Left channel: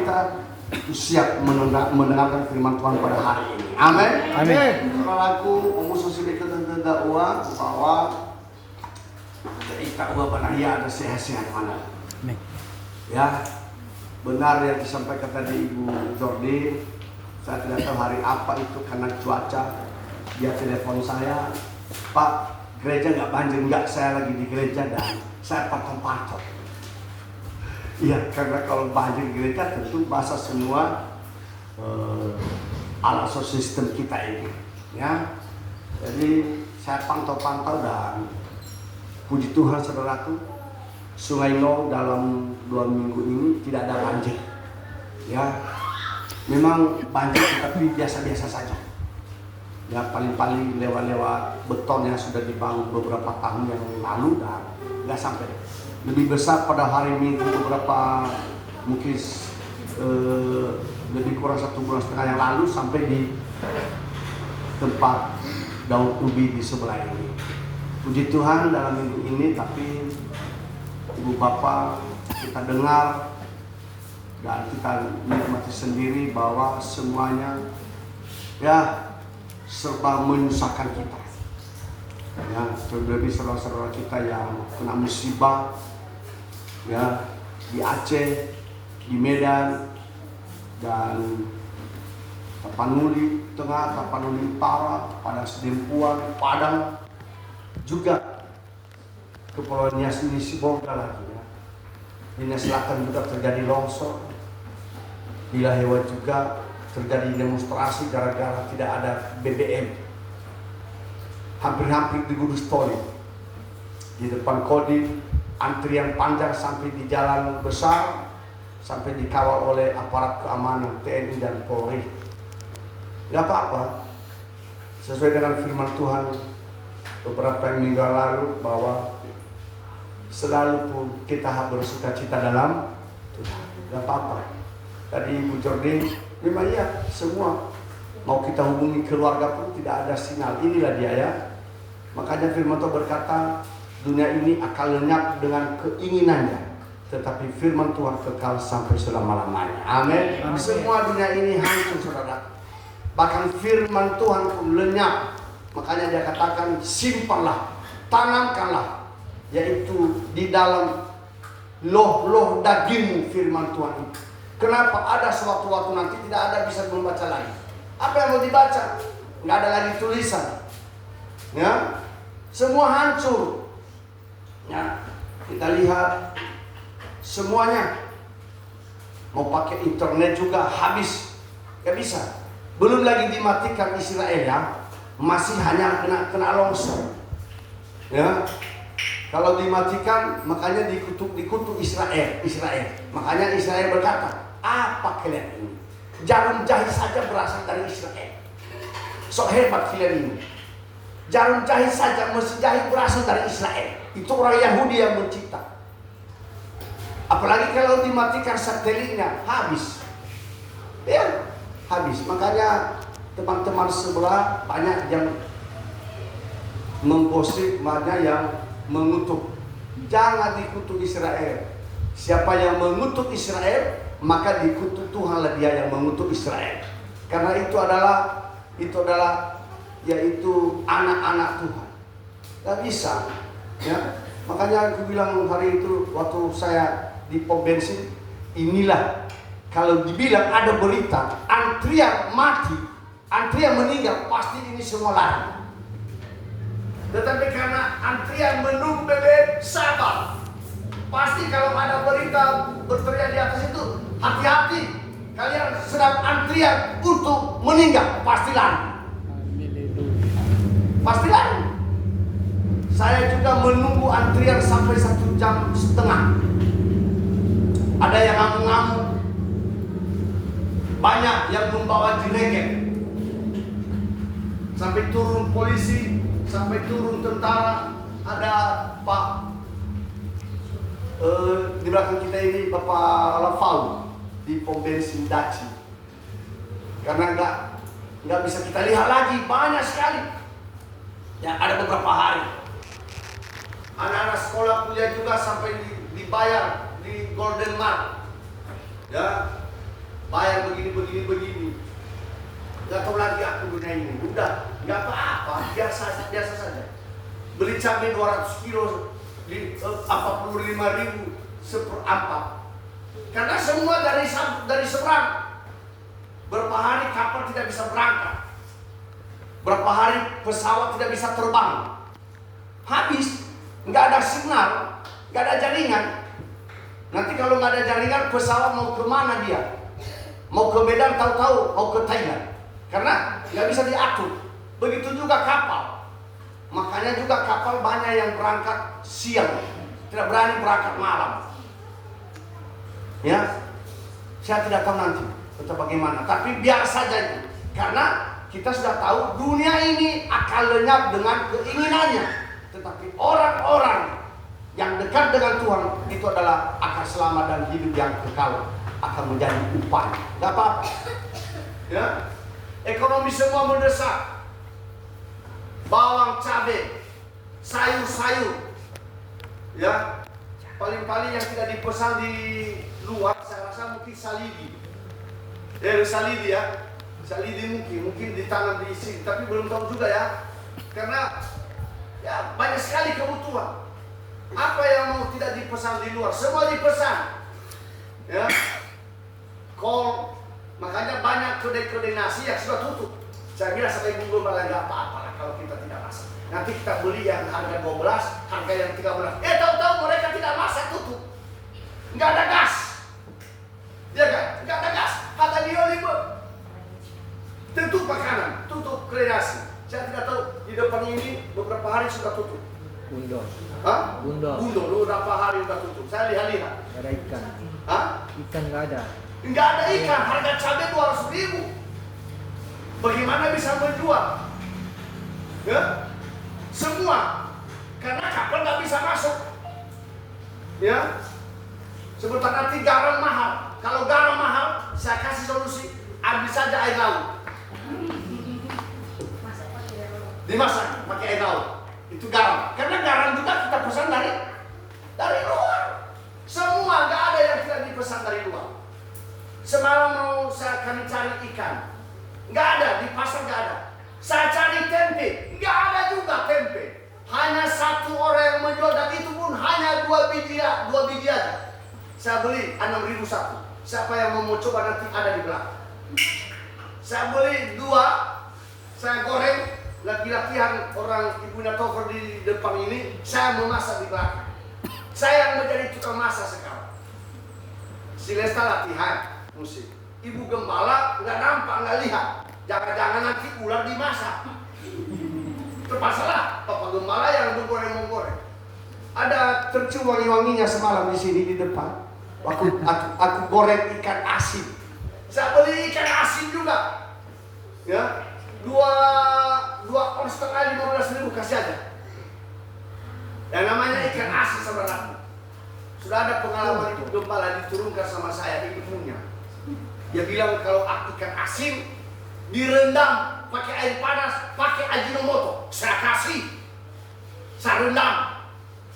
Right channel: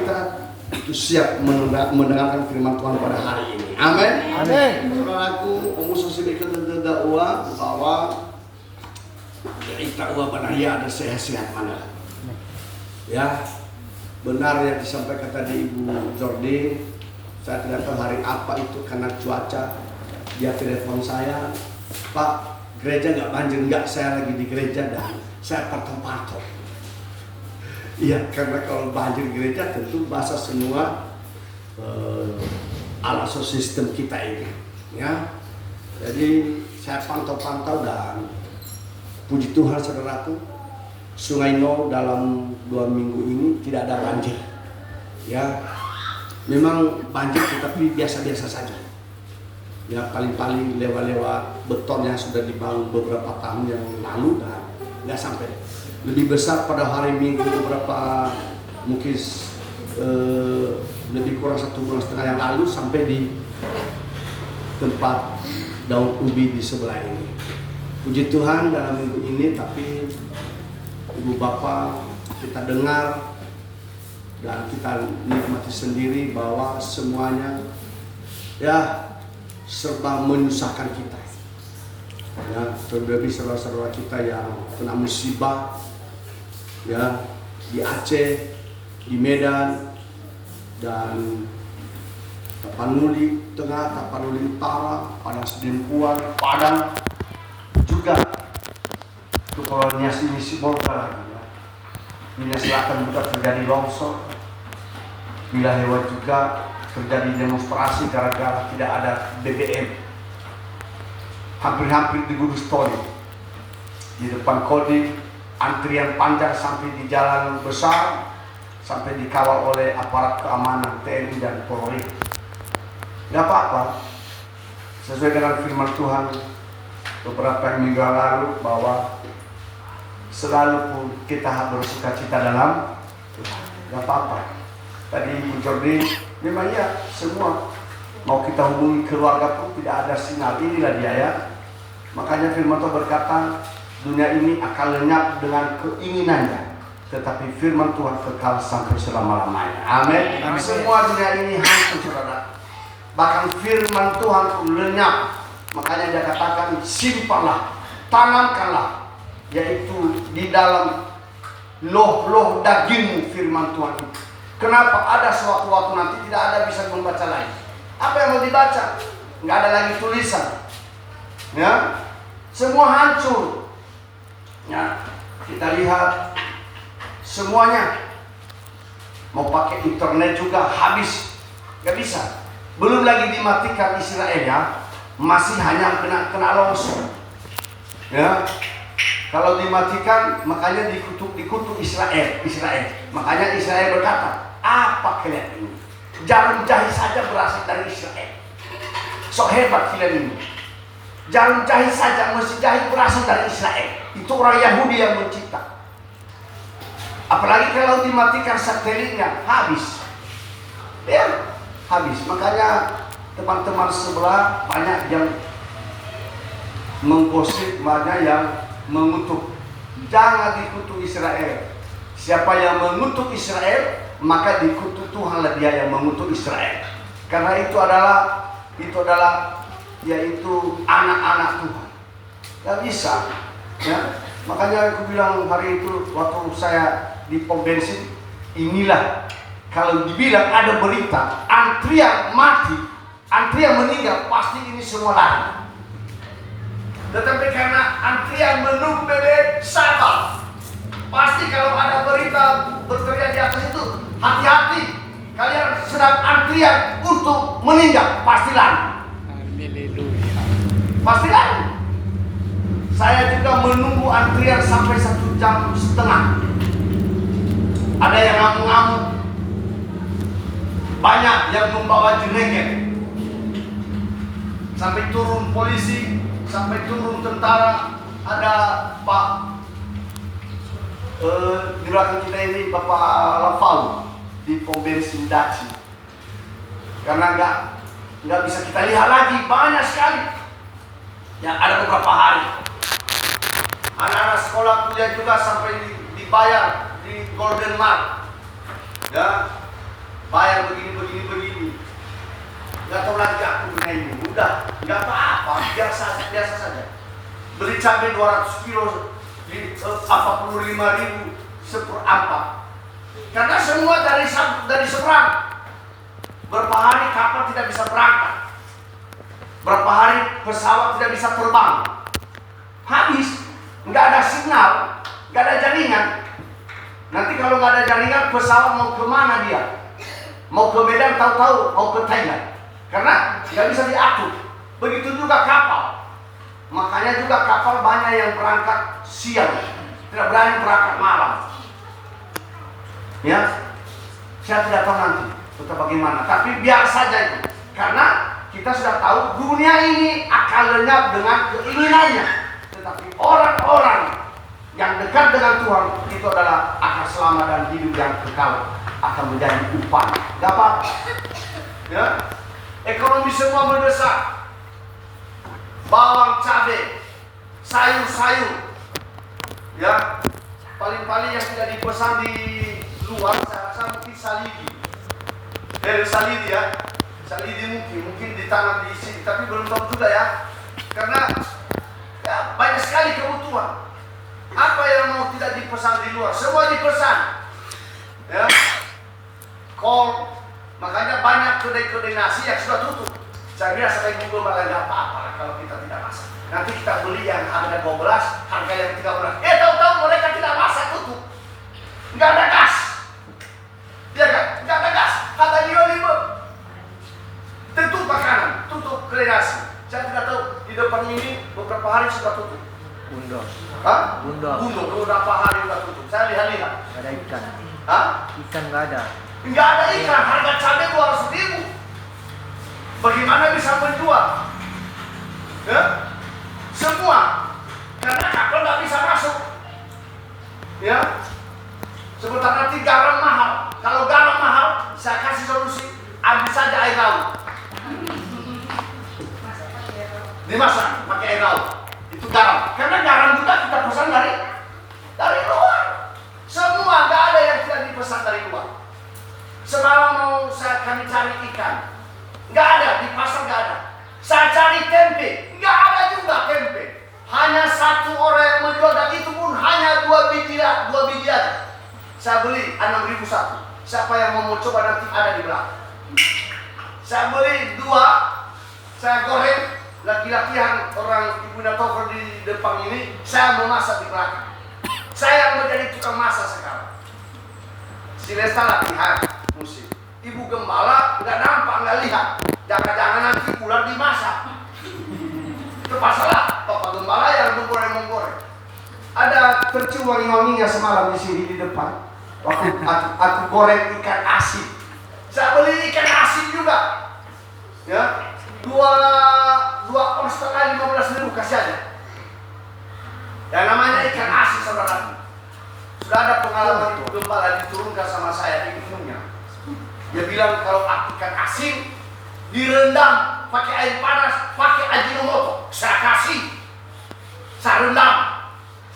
kita itu siap mendengarkan firman Tuhan pada hari ini. Amin. Amin. Saudaraku, pemusuh itu terdakwa bahwa kita banaya ada sehat-sehat mana. Ya, benar yang disampaikan tadi Ibu Jordi. Saya tidak tahu hari apa itu karena cuaca. Dia telepon saya, Pak, gereja nggak banjir? Nggak, saya lagi di gereja dan saya patok-patok. Iya, karena kalau banjir gereja tentu basah semua alat sistem kita ini, ya. Jadi saya pantau-pantau dan puji Tuhan saudaraku, Sungai No dalam 2 minggu ini tidak ada banjir, ya. Memang banjir tetapi biasa-biasa saja. Ya paling-paling lewat-lewat beton yang sudah dibangun beberapa tahun yang lalu dan nggak sampai. Lebih besar pada hari Minggu beberapa mungkin lebih kurang 1,5 bulan yang lalu sampai di tempat daun ubi di sebelah ini. Puji Tuhan dalam minggu ini, tapi Ibu Bapak kita dengar dan kita nikmati sendiri bahwa semuanya ya serba menyusahkan kita. Ya, terlebih saudara-saudara kita yang kena musibah, ya, di Aceh, di Medan, dan Tapanuli Tengah, Tapanuli Utara, Padang Sidempuan, Padang, juga Kepulauan Nias ini Sibolga lagi, ya. Di Nias Selatan juga terjadi longsor, di Lahewa juga terjadi demonstrasi gara-gara tidak ada BBM. Hampir-hampir di Kudus Toli, di depan Kodim, antrian panjang sampai di jalan besar, sampai dikawal oleh aparat keamanan TNI dan Polri. Tidak apa-apa, sesuai dengan firman Tuhan beberapa minggu lalu bahwa selalu pun kita harus bersukacita dalam Tuhan. Tidak apa-apa. Tadi Ibu Jordi, memang iya semua mau kita hubungi keluarga pun tidak ada sinyal. Inilah dia, ya. Makanya firman Tuhan berkata, dunia ini akan lenyap dengan keinginannya, tetapi firman Tuhan kekal sampai selama-lamanya. Amin. Semua dunia ini hancur, saudara. Bahkan firman Tuhan pun lenyap. Makanya dia katakan, simpanlah, tanamkanlah, yaitu di dalam loh-loh dagingmu firman Tuhan itu. Kenapa? Ada suatu waktu nanti tidak ada bisa membaca lagi. Apa yang mau dibaca? Nggak ada lagi tulisan. Ya, semua hancur. Ya, kita lihat semuanya. Mau pakai internet juga habis, nggak bisa. Belum lagi dimatikan Israel, ya, masih hanya kena longsor. Ya, kalau dimatikan makanya dikutuk Israel. Makanya Israel berkata, apa kalian ini? Jarum jahit saja berasal dari Israel. Sok hebat kalian ini. Jarum jahit saja, mesin jahit berasal dari Israel. Itu orang Yahudi yang mencipta. Apalagi kalau dimatikan satelitnya, habis. Ya, habis. Makanya teman-teman sebelah banyak yang menggosip, banyak yang mengutuk. Jangan dikutuk Israel. Siapa yang mengutuk Israel, maka dikutuk Tuhanlah dia yang mengutuk Israel. Karena itu adalah yaitu anak-anak Tuhan. Gak bisa, ya. Makanya aku bilang hari itu waktu saya di pom bensin, inilah kalau dibilang ada berita antrian mati, antrian meninggal, pasti ini semua lari. Tetapi karena antrian menunggu BBM, sabar. Pasti kalau ada berita berteriak di atas itu, hati-hati, kalian sedang antrian untuk meninggal, pasti lari. Pasti lari. Saya juga menunggu antrian sampai 1,5 jam. Ada yang ngamuk-ngamuk, banyak yang membawa jenengnya. Sampai turun polisi, sampai turun tentara. Ada Pak di belakang kita ini, Bapak Lafau di pom bensin Daci. Karena nggak bisa kita lihat lagi, banyak sekali. Ya, ada beberapa hari. Anak-anak sekolah kuliah juga sampai dibayar di Golden Mart. Ya, bayar begini. Nggak tahu lagi aku dengan ini. Udah, nggak apa-apa, biasa saja. Beli cabai 200 kilo, 45.000 seperempat. Karena semua dari seberang. Berapa hari kapal tidak bisa berangkat. Berapa hari pesawat tidak bisa terbang. Habis, nggak ada sinyal, nggak ada jaringan. Nanti kalau nggak ada jaringan, pesawat mau kemana dia? Mau ke Medan, tahu-tahu mau ke Thailand. Karena nggak bisa diatur. Begitu juga kapal. Makanya juga kapal banyak yang berangkat siang, tidak berani berangkat malam. Ya, saya tidak tahu nanti atau bagaimana. Tapi biar saja itu. Karena kita sudah tahu dunia ini akan lenyap dengan keinginannya. Tetapi orang-orang yang dekat dengan Tuhan itu adalah akan selamat dan hidup yang kekal, akan menjadi upah. Gak apa-apa. Ya. Ekonomi semua mendesak. Bawang, cabai, sayur-sayur. Ya. Paling-paling yang tidak dipesan di luar, saya rasa mungkin salidi. Salidi ya. Salidi mungkin ditanam di sini, tapi belum tahu juga ya. Karena ya, banyak sekali kebutuhan. Apa yang mau tidak dipesan di luar, semua dipesan. Ya. Kol, makanya banyak kedai-kedai nasi yang sudah tutup. Saya bilang sampai Google malah nggak apa-apa kalau kita tidak masak. Nanti kita beli yang harga 12, harga yang 13. Tahu-tahu mereka tidak masak, tutup. Nggak ada gas. Ya kan? Nggak ada gas. Kata dia 5. Tutup makanan, tutup kedai nasi. Saya tidak tahu di depan ini beberapa hari sudah tutup. Bundo. Hah? Bundo. Beberapa hari sudah tutup. Saya lihat-lihat. Gak ada ikan. Hah? Ikan nggak ada. Nggak ada ikan, harga cabai 200.000. Bagaimana bisa menjual? Ya? Semua. Karena kapal nggak bisa masuk. Ya? Sebentar nanti garam mahal. Kalau garam mahal, saya kasih solusi. Ambil saja air laut. Dimasak pakai air laut. Itu garam. Karena garam juga kita pesan dari luar. Semua nggak ada yang tidak dipesan dari luar. Semalam mau kami cari ikan, nggak ada di pasar, nggak ada. Saya cari tempe, nggak ada juga tempe. Hanya satu orang yang menjual dan itu pun hanya 2 biji aja. Saya beli 6.000 satu. Siapa yang mau coba nanti ada di belakang. Saya beli 2, saya goreng. Laki-laki yang orang ibunya cover di depan ini, saya mau masak di belakang. Saya yang menjadi tukang masak sekarang. Si Lesta latihan musik. Ibu gembala nggak nampak, nggak lihat. Jangan-jangan nanti ular dimasak. Itu masalah. Bapak gembala yang menggoreng. Ada tercium wangi-wanginya semalam di sini di depan. Aku goreng ikan asin. Saya beli ikan asin juga. Ya, 2,5 on 15.000 kasih aja. Yang namanya ikan asin, saudara. Sudah ada pengalaman ibu gembala diturunkan sama saya ilmunya. Dia bilang kalau ikan asin direndam pakai air panas, pakai Ajinomoto. Saya kasih, saya rendam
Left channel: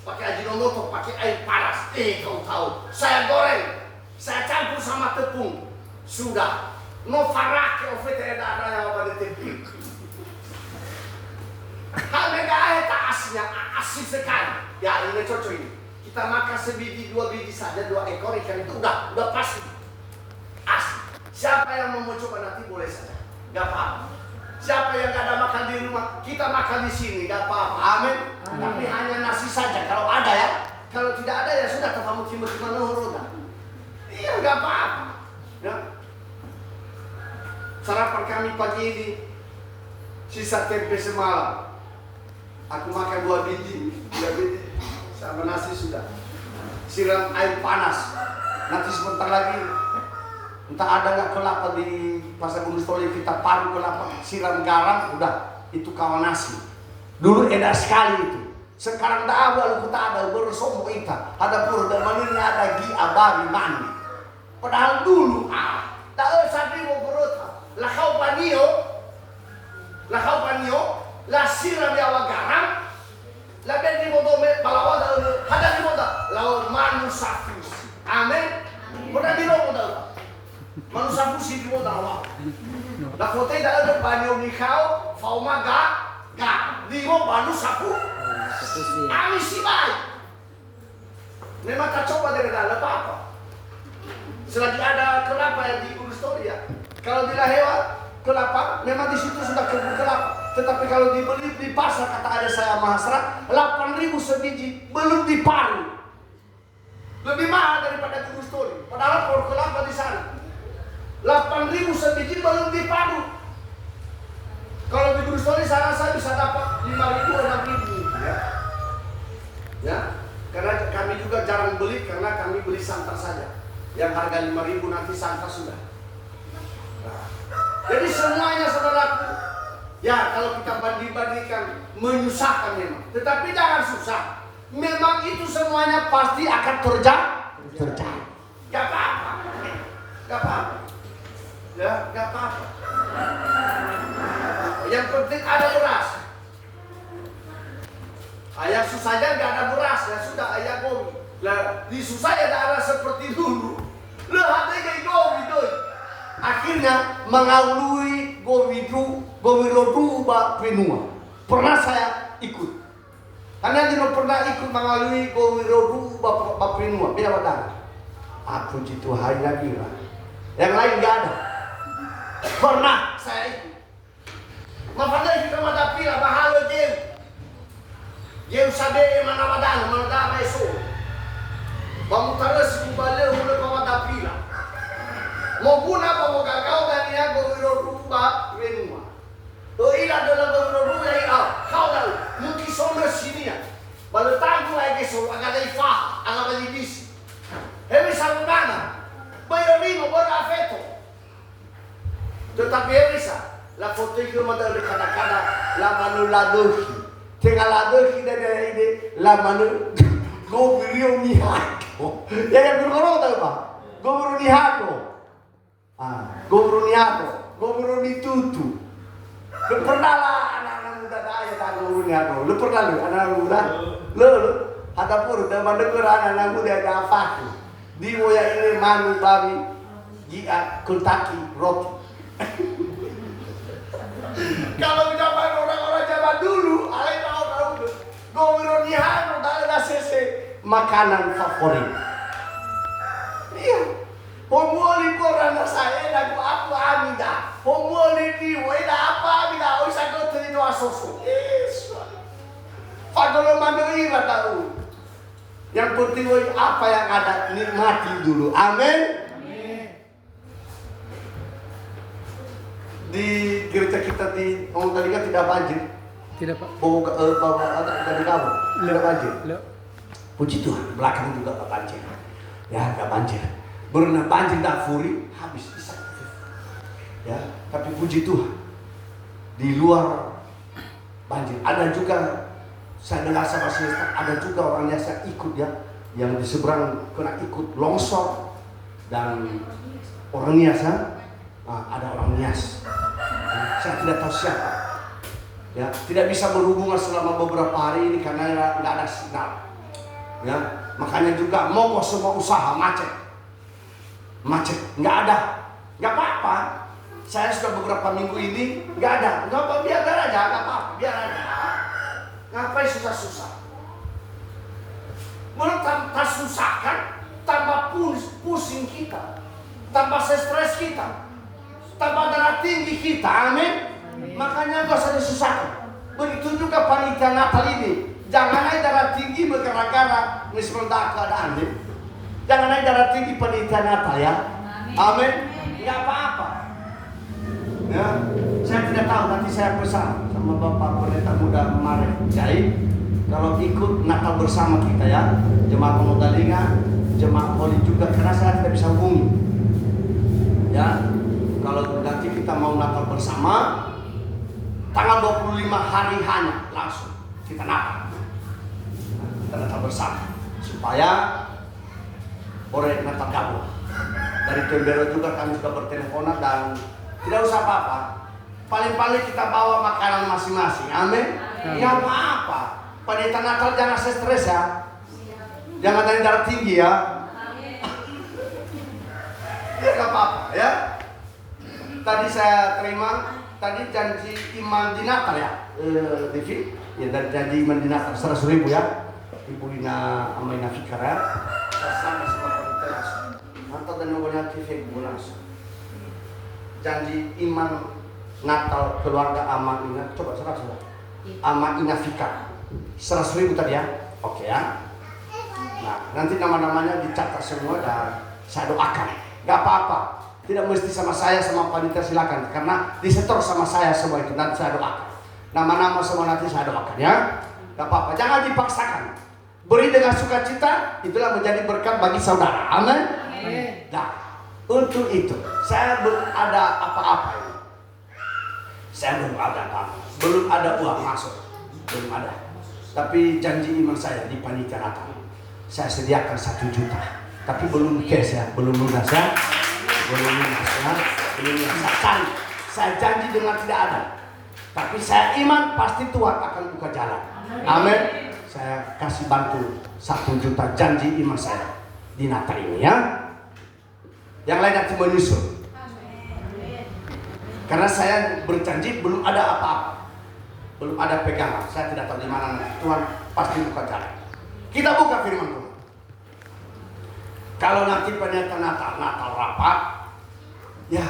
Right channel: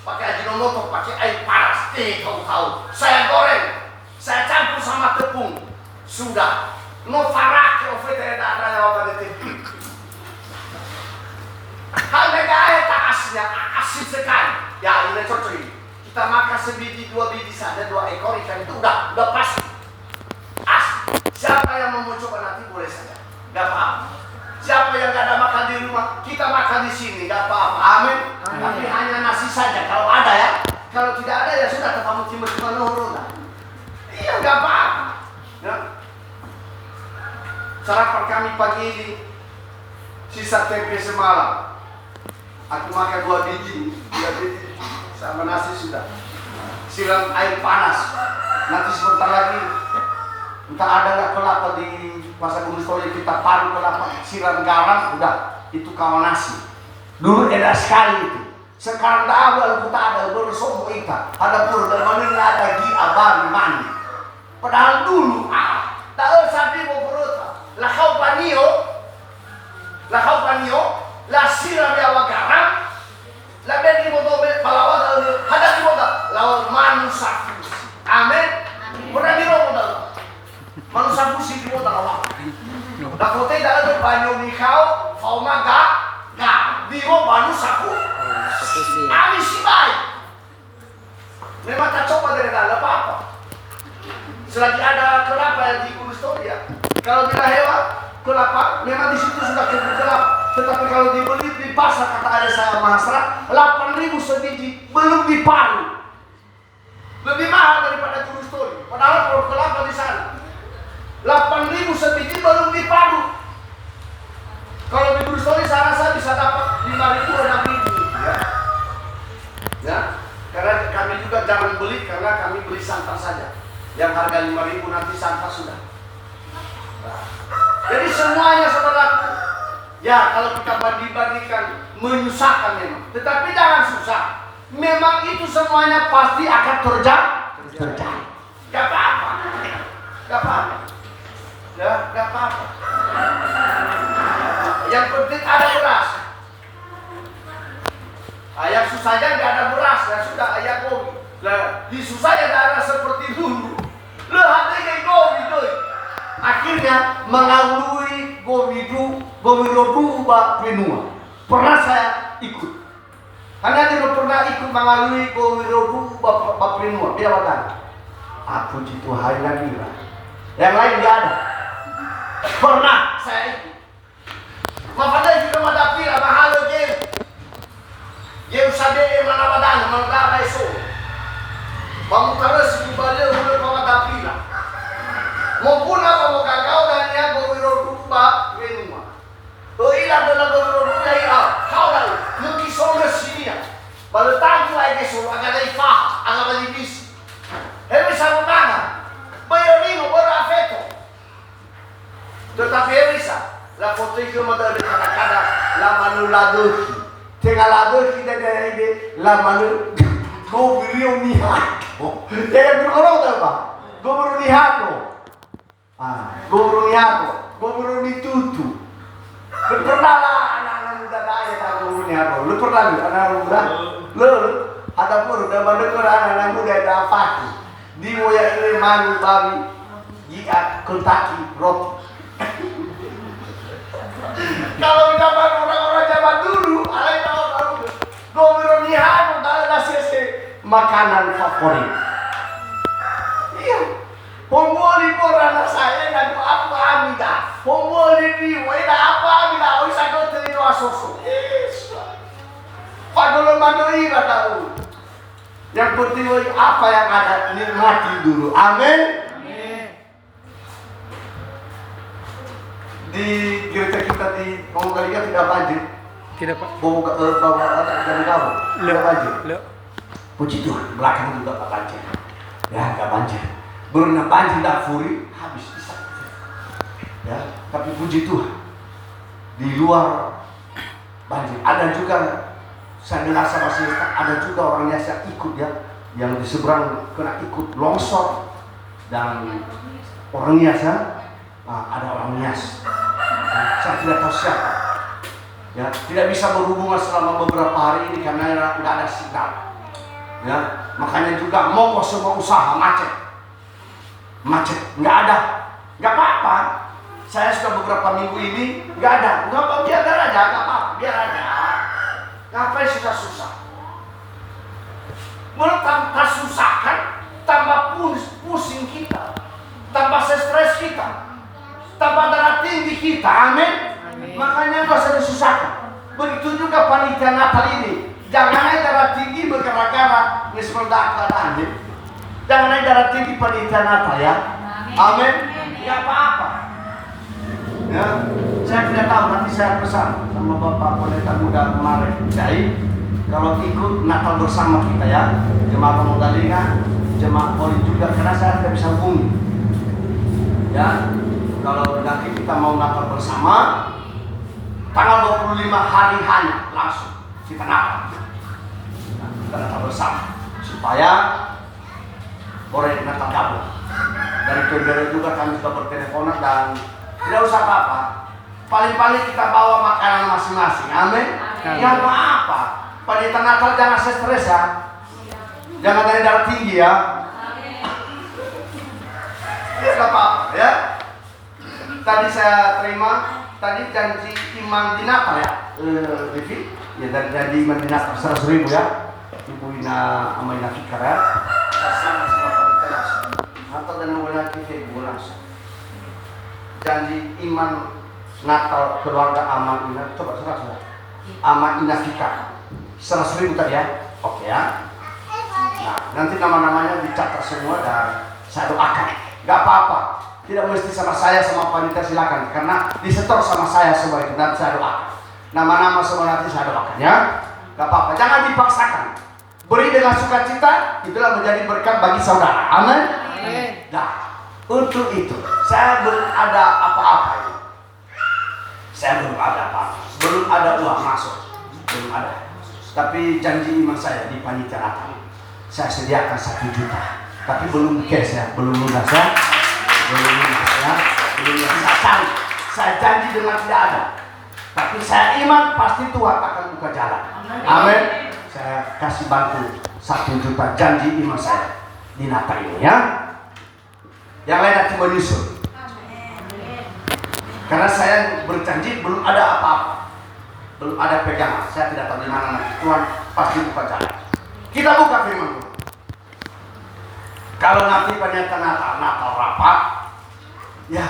pakai Ajinomoto, pakai air panas. Tahu-tahu saya goreng, saya campur sama tepung. Sudah, no farake ofete darah yang apa detik. Kalau nggak tak aslinya, asin sekali. Ya ini cocok ini. Kita makan sebiji 2 biji saja, 2 ekor ikan itu udah pasti. Siapa yang mau coba nanti boleh saja, nggak apa-apa. Siapa yang nggak ada makan di rumah, kita makan di sini, nggak apa-apa. Amin. Tapi hanya nasi saja kalau ada ya. Kalau tidak ada ya sudah, kamu timur-timur nurun. Iya, nggak apa-apa. Ya. Sarapan kami pagi ini sisa tempe semalam. Aku makan 2 biji, 3 biji sama nasi sudah. Siram air panas. Nanti sebentar lagi entah ada nggak kelapa di pasar Gunung Sekolah, kita paru kelapa, siram garam, udah itu kawan nasi. Dulu enak sekali itu. Sekarang tak ada, lalu tak ada, bersombo ikan. Ada pun dalam ini ada abang mandi. Padahal dulu tak sapi mau berota. Lahau panio, la siram yawa garam, la beni mo dobe balawa ada di moda, lawan manu sapi. Amin. Pernah di moda. Manusia pusi di kota awak. Dah kota dah ada banyu nikau, fauma gak. Di mo banyu sapu. Ami si baik. Memang tak coba dari dalam apa. Selagi ada kelapa di Kustoria. Kalau tidak hewan kelapa, memang di situ sudah kebun kelapa. Tetapi kalau dibeli di pasar, kata ada saya mahasiswa, 8.000 sebiji belum diparu. Lebih mahal daripada Kustoria. Padahal kalau kelapa di sana 8.000 sebiji belum diparu. Kalau di Kustoria saya rasa bisa dapat 5.000 6.000 ya. Ya, karena kami juga jarang beli karena kami beli santan saja. Yang harga 5.000 nanti santan sudah. Nah, jadi semuanya saudaraku, ya kalau kita bandingkan menyusahkan memang. Tetapi jangan susah. Memang itu semuanya pasti akan terjadi. Gak apa-apa. Gak apa-apa. Ya, gak apa-apa. Yang penting ada beras. Yang susahnya gak ada beras, ya sudah ayah gomi. Lah, di susahnya daerah seperti dulu. Lah, hatinya gomi tuh. Akhirnya mengalui Gowirodu Baprinua. Pernah saya ikut. Hanya tidak pernah ikut mengalui Gowirodu Baprinua. Dia badan. Puji Tuhan lagi lah. Yang lain tidak ada. Pernah saya ikut. Makanya kita madapi lah mahalo game. Game sadee mana badan, mana iso. Bangun terus kembali mulai madapi lah. Mau pun apa mau gagal dan ya Gowirodu Baprinua. Ilah adalah Gowirodu ya kau dah mungkin soalnya sini ya. Baru tahu lagi soal agak dari fah, agak dari bis. Hebat sama mana? Bayarino berafeto. Tetapi bisa. La foto itu mata di kadang-kadang la manu ladohi. Tengah ladohi dari la manu Gowirio nihato. Yang berkorong tahu pak? Gowirio nihato. Gowirio nihato. Gowirio nitutu. Lu pernah lah anak-anak muda kaya tahu Gowirio nihato. Lu pernah lu anak-anak muda? Lu ada pur udah mendengar anak-anak muda ada apa? Di moya ini manu babi jika Kentucky roti. Kalau zaman orang-orang zaman dulu, alay tahu Gowirio nihato ada sese makanan favorit. Iya. Pomoli por anak saya dan apa amida. Pomoli di weda apa amida oi sagot di wasoso. Yes. Padahal mandoi tahu. Yang penting apa yang ada nikmati dulu. Amin. Di gereja kita di Mongolia tidak banjir. Tidak pak. Dari kamu tidak banjir. Puji Tuhan, belakang juga tak banjir. Ya, nggak banjir. Berenang banjir dah furi habis bisa. Ya, tapi puji Tuhan di luar banjir. Ada juga saya dengar sama sister, ada juga orang yang ikut ya, yang di seberang kena ikut longsor dan orang Nias ada orang Nias. Saya tidak tahu siapa. Ya, tidak bisa berhubungan selama beberapa hari ini karena nggak ada signal. Ya, makanya juga mogok semua usaha macet, nggak ada, nggak apa-apa. Saya sudah beberapa minggu ini nggak ada, nggak apa biar aja, nggak apa, biar aja. Ngapain susah-susah? Menurut tambah susah kan, tambah pusing kita, tambah stres kita, tambah darah tinggi kita, amin. Makanya nggak usah disusahkan. Begitu juga panitia Natal ini. Jangan naik darah tinggi bergara-gara nismerda keadaannya. Jangan naik darah tinggi panitia Natal ya. Amin. Nggak apa-apa. Ya, saya tidak tahu nanti saya pesan sama Bapak Pendeta Muda kemarin. Jadi kalau ikut Natal bersama kita ya, jemaat Mongolia, jemaat Poli juga, karena saya tidak bisa hubungi. Ya, kalau nanti kita mau Natal bersama, tanggal 25 hari hanya langsung kita Natal. Kita Natal bersama supaya boleh Natal gabung. Dari Pembela juga kami sudah berteleponan dan tidak usah apa-apa. Paling-paling kita bawa makanan masing-masing. Amin. Ya apa-apa. Pendeta Natal jangan stres ya. Jangan ada darah tinggi ya. Gak apa-apa ya. Tadi saya terima janji iman di Natal ya, Devi. Ya janji iman di Natal 100.000 ya. Ibu Ina sama Ina Fikar ya. Sama teras. Atau dan mulai TV bulan. Janji iman Natal keluarga Ama Ina. Coba sudah. Ama Ina Fikar 100.000 tadi ya. Oke ya. Nah, nanti nama-namanya dicatat semua dan saya doakan. Gak apa-apa. Tidak mesti sama saya, sama panitia silakan. Karena disetor sama saya semua itu. Nanti saya doakan. Nama-nama semua nanti saya doakan ya. Gak apa-apa. Jangan dipaksakan. Beri dengan sukacita. Itulah menjadi berkat bagi saudara. Amin. Nah, untuk itu saya belum ada apa-apa ini. Saya belum ada apa-apa. Belum ada uang masuk. Belum ada. Tapi janji iman saya di panitia Natal, saya sediakan 1 juta. Tapi belum cash ya, belum lunas ya. Saya janji dengan tidak ada. Tapi saya iman pasti Tuhan akan buka jalan. Amin. Saya kasih bantu 1 juta janji iman saya di Natal ini ya. Yang lain nanti menyusul. Karena saya berjanji belum ada apa-apa. Belum ada pegangan. Saya tidak tahu di mana nanti Tuhan pasti buka jalan. Kita buka firman Tuhan. Kalau nanti ternyata Natal rapat, ya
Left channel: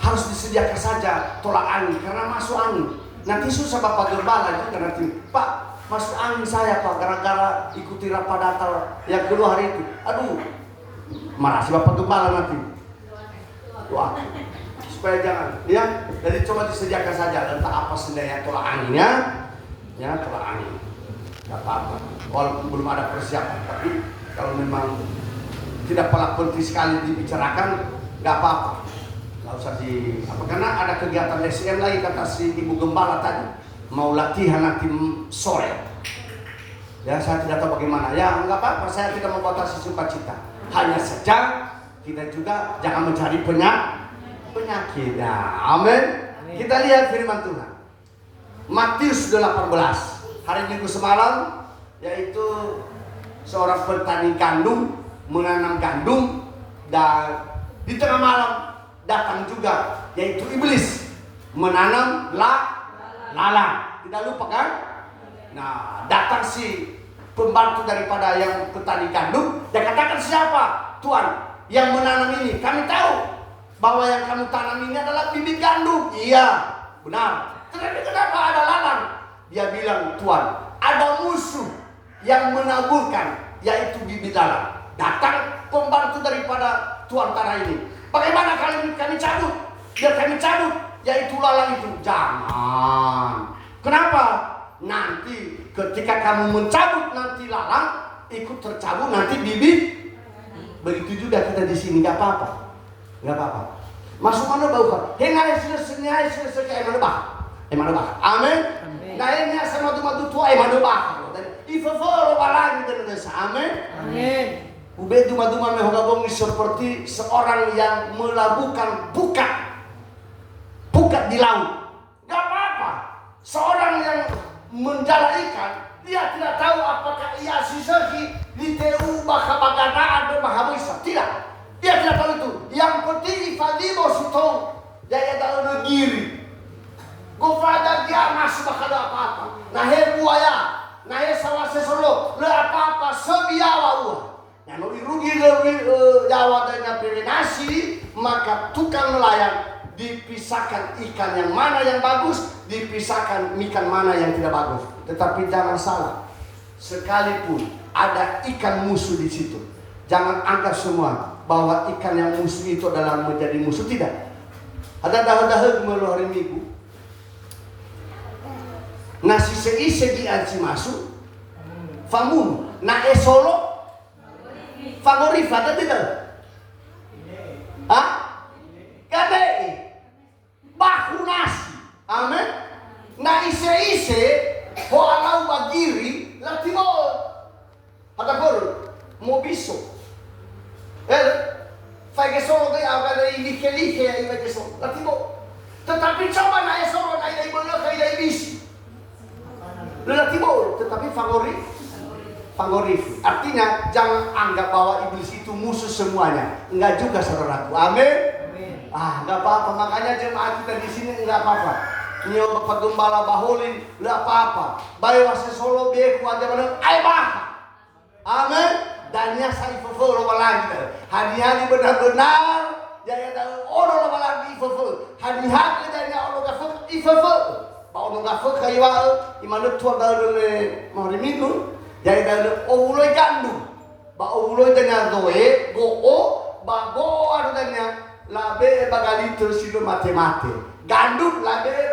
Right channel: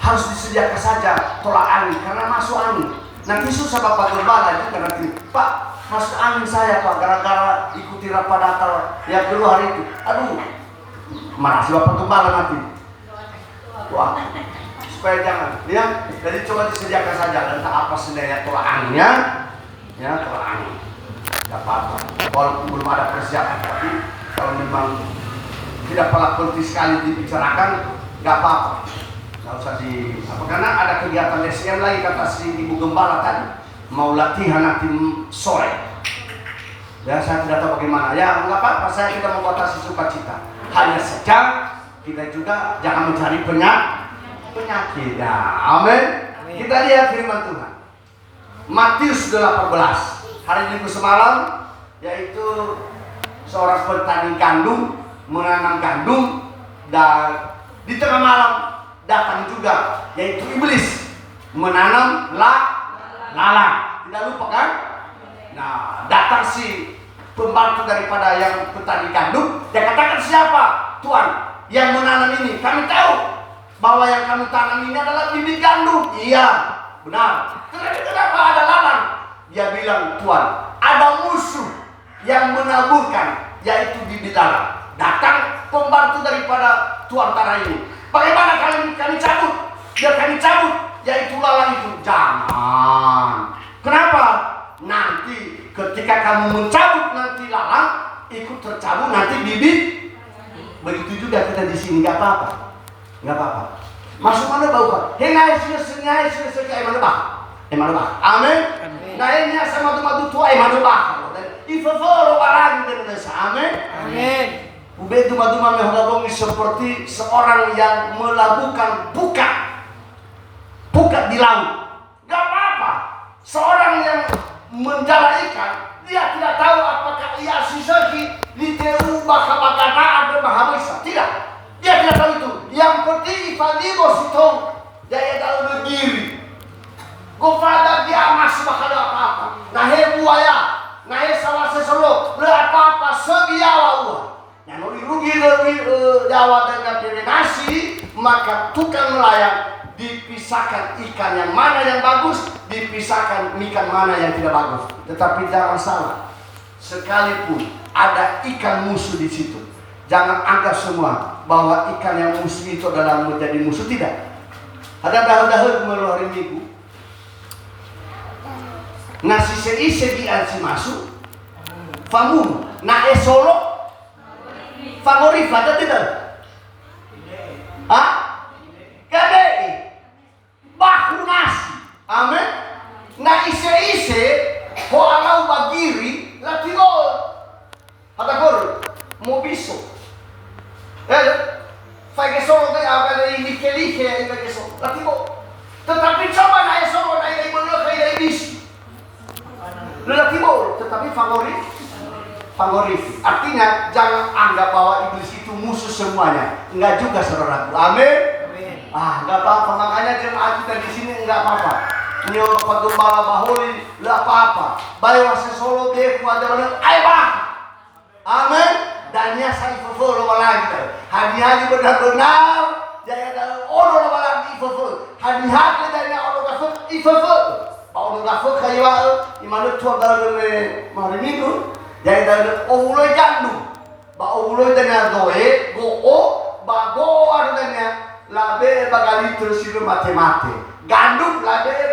harus disediakan saja tolak angin karena masuk angin. Nanti susah Bapak Gembala juga nanti, Pak masuk angin saya Pak gara-gara ikuti rapat Natal yang kedua hari itu. Aduh, marah si Bapak Gembala nanti. Wah, supaya jangan, ya. Jadi coba disediakan saja entah apa sebenarnya tolak anginnya, ya tolak angin. Gak apa-apa. Walaupun belum ada persiapan, tapi kalau memang tidak penting sekali dibicarakan, gak apa-apa. Gak usah di apa karena ada kegiatan SCM lagi kata si Ibu Gembala tadi mau latihan nanti sore. Ya saya tidak tahu bagaimana. Ya nggak apa-apa. Saya kita membatasi sukacita. Hanya saja kita juga jangan mencari penyakit. Ya, amin. Kita lihat firman Tuhan. Matius 18 hari Minggu semalam, yaitu seorang petani gandum menanam gandum dan di tengah malam datang juga yaitu iblis menanam lalang. Tidak lupa kan? Nah, datang si pembantu daripada yang petani gandum. Dia katakan, siapa? Tuhan yang menanam ini. Kami tahu bahwa yang kami tanam ini adalah bibit gandum. Iya, benar. Tetapi kenapa ada lalang? Dia bilang, Tuhan, ada musuh yang menaburkan, yaitu bibit lalang. Datang pembantu daripada tuan tanah ini. Bagaimana kami cabut? Biar kami cabut, yaitu lalang itu. Jangan. Kenapa? Nanti ketika kamu mencabut nanti lalang ikut tercabut nanti bibit. Begitu juga kita di sini, nggak apa-apa, nggak apa-apa. Masuk mana bau kan? Hengai selesai emang bah. Amin. Nah ini sama madu tua emang bah. Ifaforo walang dengan amin. Amin. Ubedu madu mame hogabongi seperti seorang yang melakukan buka di laut. Gak apa-apa. Seorang yang menjala ikan, dia tidak tahu apakah ia sisaki di TU bakabagata ada mahabisa. Tidak. Dia tidak tahu itu. Yang penting ifadibo sitong dia tahu negiri. Gofada dia masih bakal apa-apa. Nahe buaya, nahe salah sesolo, apa-apa sebiawa uang. Yang rugi Jawa dengan nasi, maka tukang nelayan dipisahkan ikan yang mana yang bagus, dipisahkan ikan mana yang tidak bagus. Tetapi jangan salah, sekalipun ada ikan musuh di situ, jangan anggap semua bahwa ikan yang musuh itu adalah menjadi musuh. Tidak. Ada dahulu melalui hari Minggu, nasi seisi di ansi masuk, famun, na esolo. Favorit ada tidak? Kadei baku nasi. Amin. Na ise ho alau bagiri latino. Ada gol mobiso. Fai solo dei avere i like e so. Latino. Tetapi coba na esolo na ile boleh kai dai bisi. Latino tetapi favorit favoritis. Artinya jangan anggap bahwa iblis itu musuh semuanya. Enggak juga saudaraku. Amin. Enggak apa-apa. Makanya jemaat kita di sini enggak apa-apa. Ini untuk pagembala bahuli, enggak apa-apa. Bayo sesolo dia kuat mana? Ayo bah. Amin. Dan nya saya fulfill lagi. Hari-hari benar-benar jaya dalam orang lagi fulfill. Hari-hari dari orang fulfill. Paulo gafo kayawa imanu tuwa dalam hari minggu jaya dalam ovulo jandu ba ovulo dengan doe go ba go artinya labe bagali terus itu mate-mate gandum labe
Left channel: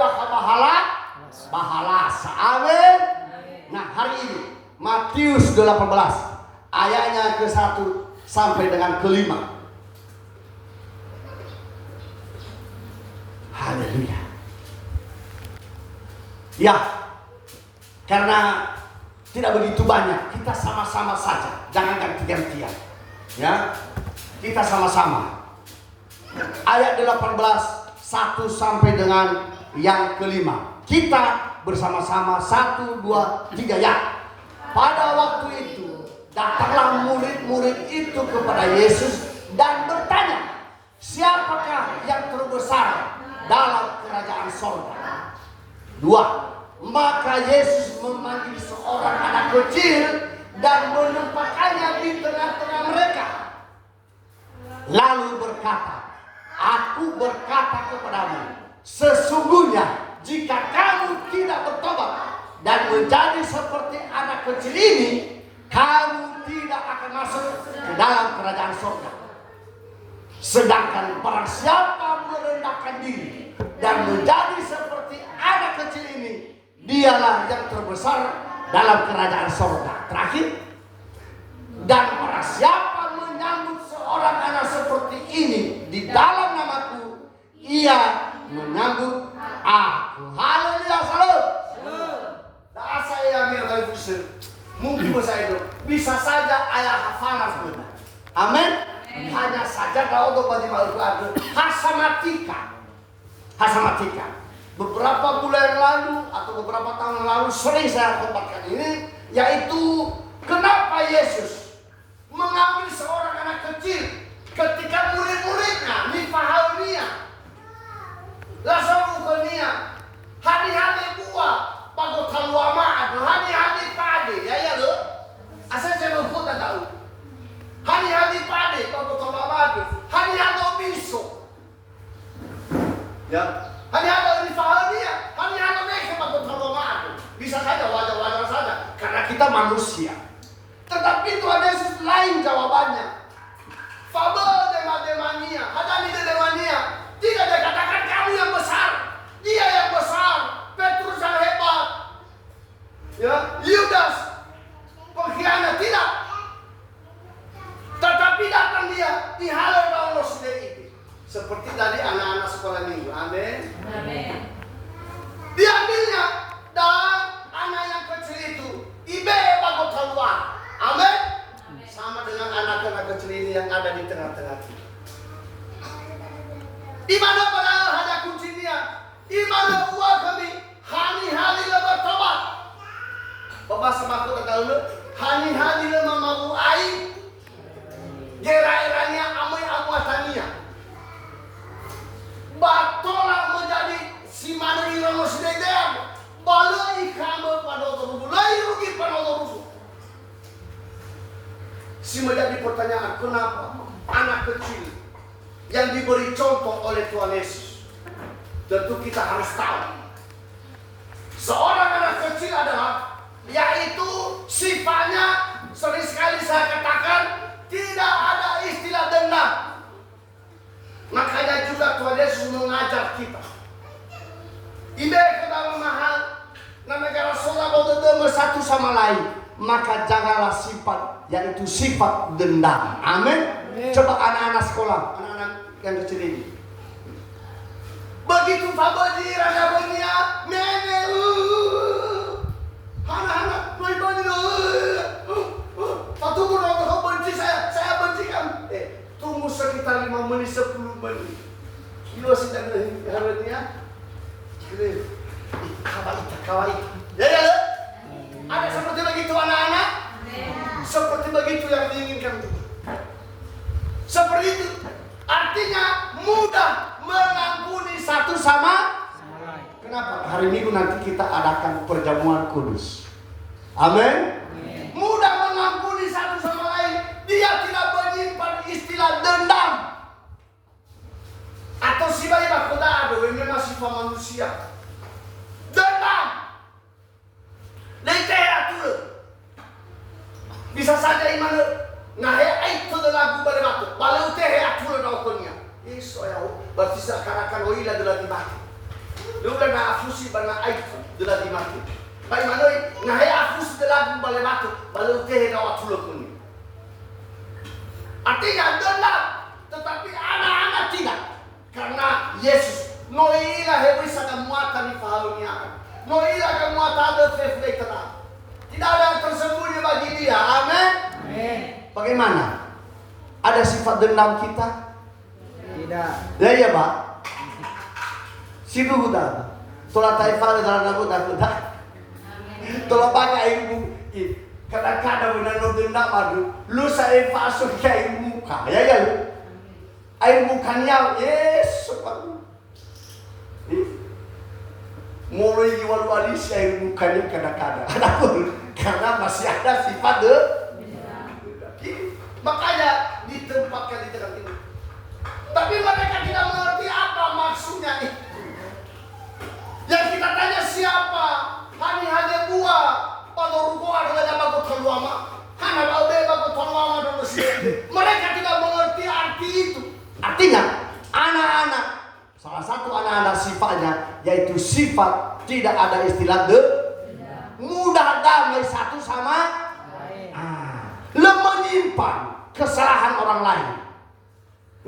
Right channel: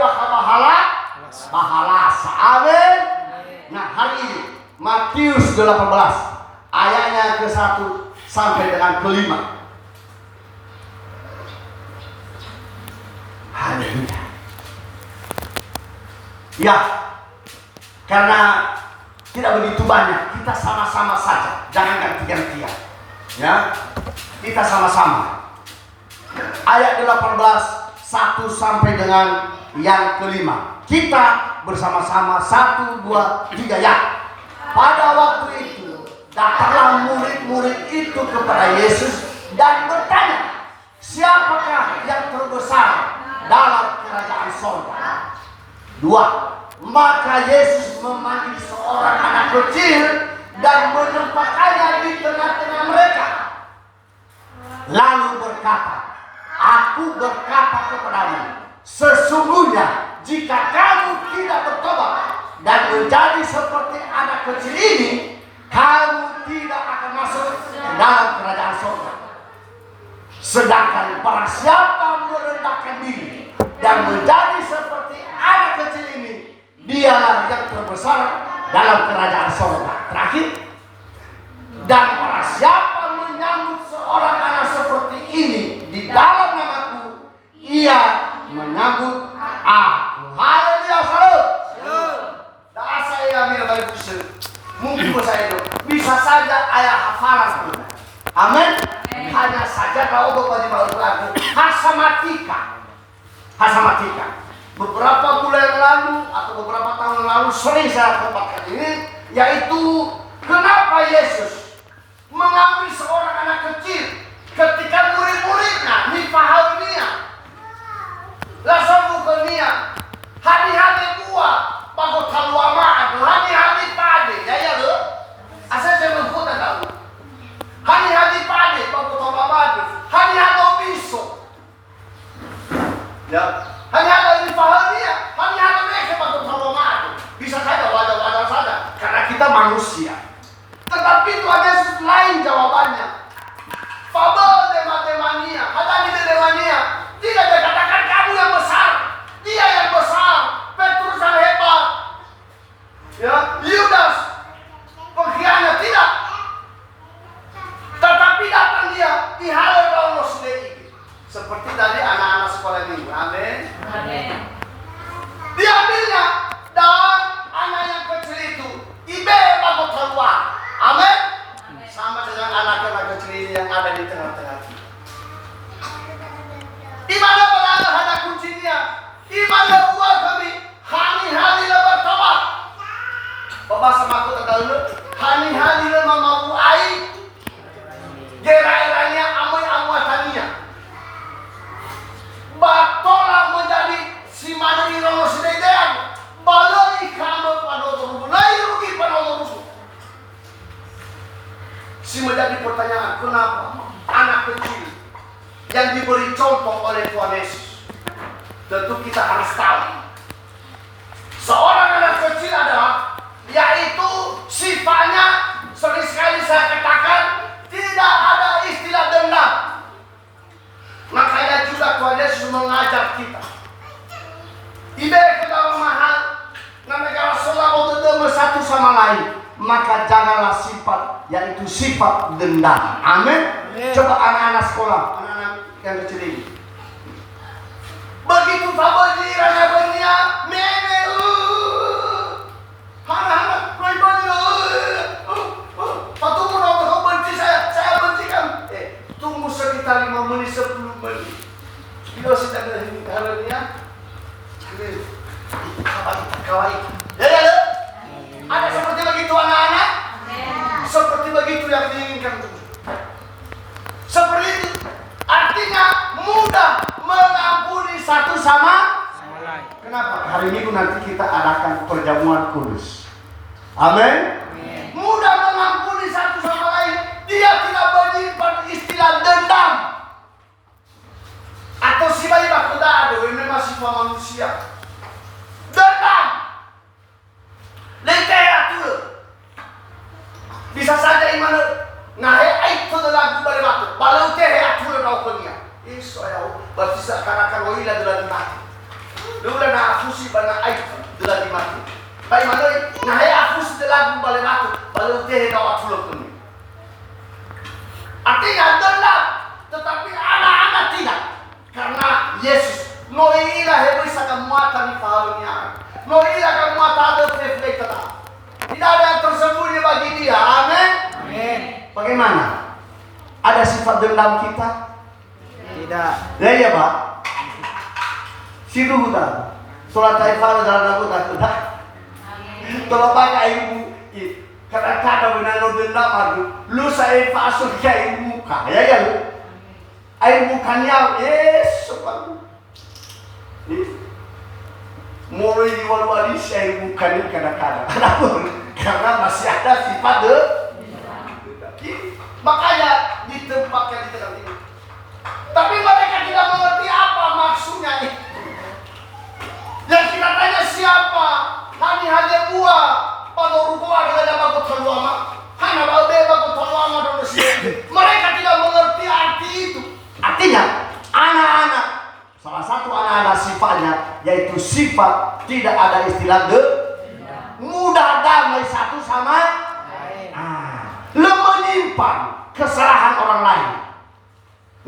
bahalas amin. Nah hari ini Matius 18 ayatnya ke-1 sampai dengan ke-5. Haleluya. Ya, karena tidak begitu banyak, kita sama-sama saja, jangan ganti-gantian. Ya, kita sama-sama. Ayat 18, 1 sampai dengan yang ke-5. Kita bersama-sama 1, 2, 3 ya. Pada waktu itu, datanglah murid-murid itu kepada Yesus dan bertanya, siapakah yang terbesar dalam kerajaan sorga? 2. Maka Yesus memanggil seorang anak kecil dan menempatkannya di tengah-tengah mereka. Lalu berkata, aku berkata kepadamu, sesungguhnya jika kamu tidak bertobat dan menjadi seperti anak kecil ini, kamu tidak akan masuk ke dalam kerajaan surga. Sedangkan barang siapa merendahkan diri dan menjadi seperti anak kecil ini, dialah yang terbesar dalam kerajaan surga. Terakhir, dan barang siapa menyambut seorang anak seperti ini di dalam namaku, ia menyambut aku. Haleluya, salam. Dah saya ambil baik usul. Mungkin saya itu bisa saja ayat hafalan benar. Amin. Hanya saja kalau bagi baru Hasamatika. Beberapa bulan yang lalu atau beberapa tahun lalu sering saya tempatkan ini, yaitu kenapa Yesus mengambil seorang anak kecil ketika murid-muridnya Nifahalnia, Lasabukania, hari-hari buah, bago taluama, hari-hari pade, ya lo, asal saya membuat tahu, hari-hari pade, bago taluama, hari-hari biso. Ya, hanya ini pahalnya, hanya mereka patut sama bisa saja wajar-wajar saja, karena kita manusia. Tetapi Tuhan Yesus lain jawabannya. Fabel demania, hanya di demania, tidak dikatakan kamu yang besar, dia yang besar, Petrus yang hebat, ya, Yudas pengkhianat tidak. Tetapi datang dia di hal Allah sendiri. Seperti tadi anak-anak sekolah minggu. Amin. Amin. Diambilnya dan anak yang kecil itu ibe bago keluar. Amin. Sama dengan anak-anak kecil ini yang ada di tengah-tengah kita. Di mana berada ada kuncinya? Di mana buah kami? Hari-hari lebar tobat. Bapak semaku terdalu. Hari-hari lebar mau air. Gerai-gerainya amoy amuatania. Batola menjadi si mana irono sededean balai kamu panotoru balai rugi panotoru. Si menjadi pertanyaan, kenapa anak kecil yang diberi contoh oleh Tuhan Yesus? Tentu kita harus tahu seorang anak kecil adalah, yaitu sifatnya sering sekali saya katakan tidak ada istilah dendam. Makanya juga Tuhan Yesus mengajar kita. Ide ke dalam mahal, negara sola bodoh satu sama lain. Maka janganlah sifat, yaitu sifat dendam. Amin. Coba anak-anak sekolah, anak-anak yang kecil ini. Begitu faboji raja dunia, meme, anak-anak patuh kau benci saya benci kamu. Tunggu sekitar 5 menit 10 menit. Bila sedang harinya, kawaii. Ya. Ada seperti begitu anak-anak? Seperti begitu yang diinginkan Tuhan. Seperti itu. Artinya mudah mengampuni satu sama lain. Kenapa? Hari Minggu nanti kita adakan perjamuan kudus. Amin. Mudah mengampuni satu sama lain. Dia tidak menyimpan istilah dendam. Atau si bayi bakudado, ini masih manusia. Dendam. Lekaya tu. Bisa saja iman ngahe ai tu lagu bare batu. Balau teh atu kau punya. Iso ya, berarti seakan-akan wila dula mati. Dula na afusi bana ai dula mati. Pai manoi ngahe afusi lagu bare batu. Balau teh kau atu punya. Artinya dendam, tetapi anak-anak tidak. Karena Yesus noila hebui sakamuata di pahalnya. Noila kamuata ada fefle tetap. Tidak ada yang tersembunyi bagi dia. Amin. Amin. Bagaimana? Ada sifat dendam kita? Tidak. Ya ya Pak. Sidu hutan. Tola taifal dalam lagu tak. Tola pakai ibu. Kadang-kadang benar dendam aduh. Lu saya fasuk kayak muka. Ya ya. Air mukanya Yesus Pak. Mulai diwali-wali air mukanya kadang-kadang. Karena masih ada sifat makanya ditempatkan di tengah ini. Tapi mereka tidak mengerti apa maksudnya itu. Yang kita tanya siapa? Kami hanya buah. Pada rukuah dengan bagus terluama. Hanya bagus terluama dan bersih. Mereka tidak mengerti arti itu. Artinya anak-anak, salah satu anak-anak sifatnya yaitu sifat tidak ada istilah mudah damai satu sama lain. Menyimpan kesalahan orang lain.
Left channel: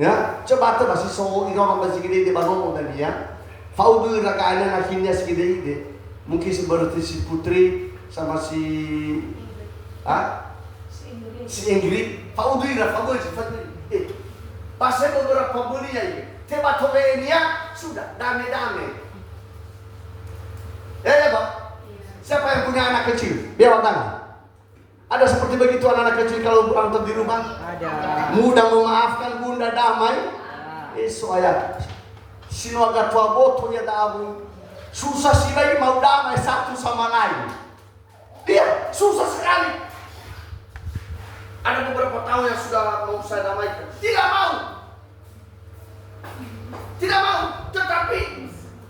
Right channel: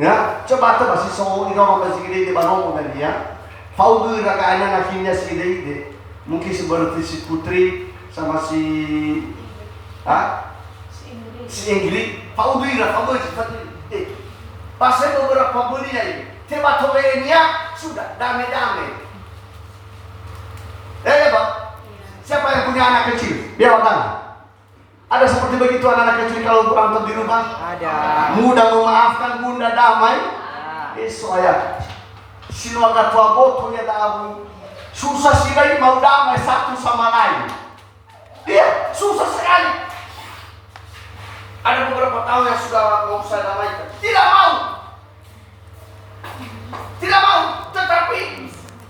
Ya, coba tuh masih ini orang masih gede di Banong tadi ya. Faudu rakaana nakinya segede. Mungkin seperti si Putri sama si Ingrid. Faudu seperti pasal beberapa bulinya ini, tiba-tiba sudah damai-damai. Ya Pak, siapa yang punya anak kecil? Dia tangan. Ada seperti begitu anak-anak kecil kalau berantem di rumah? Ada. Mudah memaafkan, bunda damai. Soalnya sinuaga tua boto ya dabu. Susah sih lagi mau damai satu sama lain. Dia susah sekali. Ada beberapa tahun yang sudah mau saya damaikan. Tidak mau. Tidak mau. Tetapi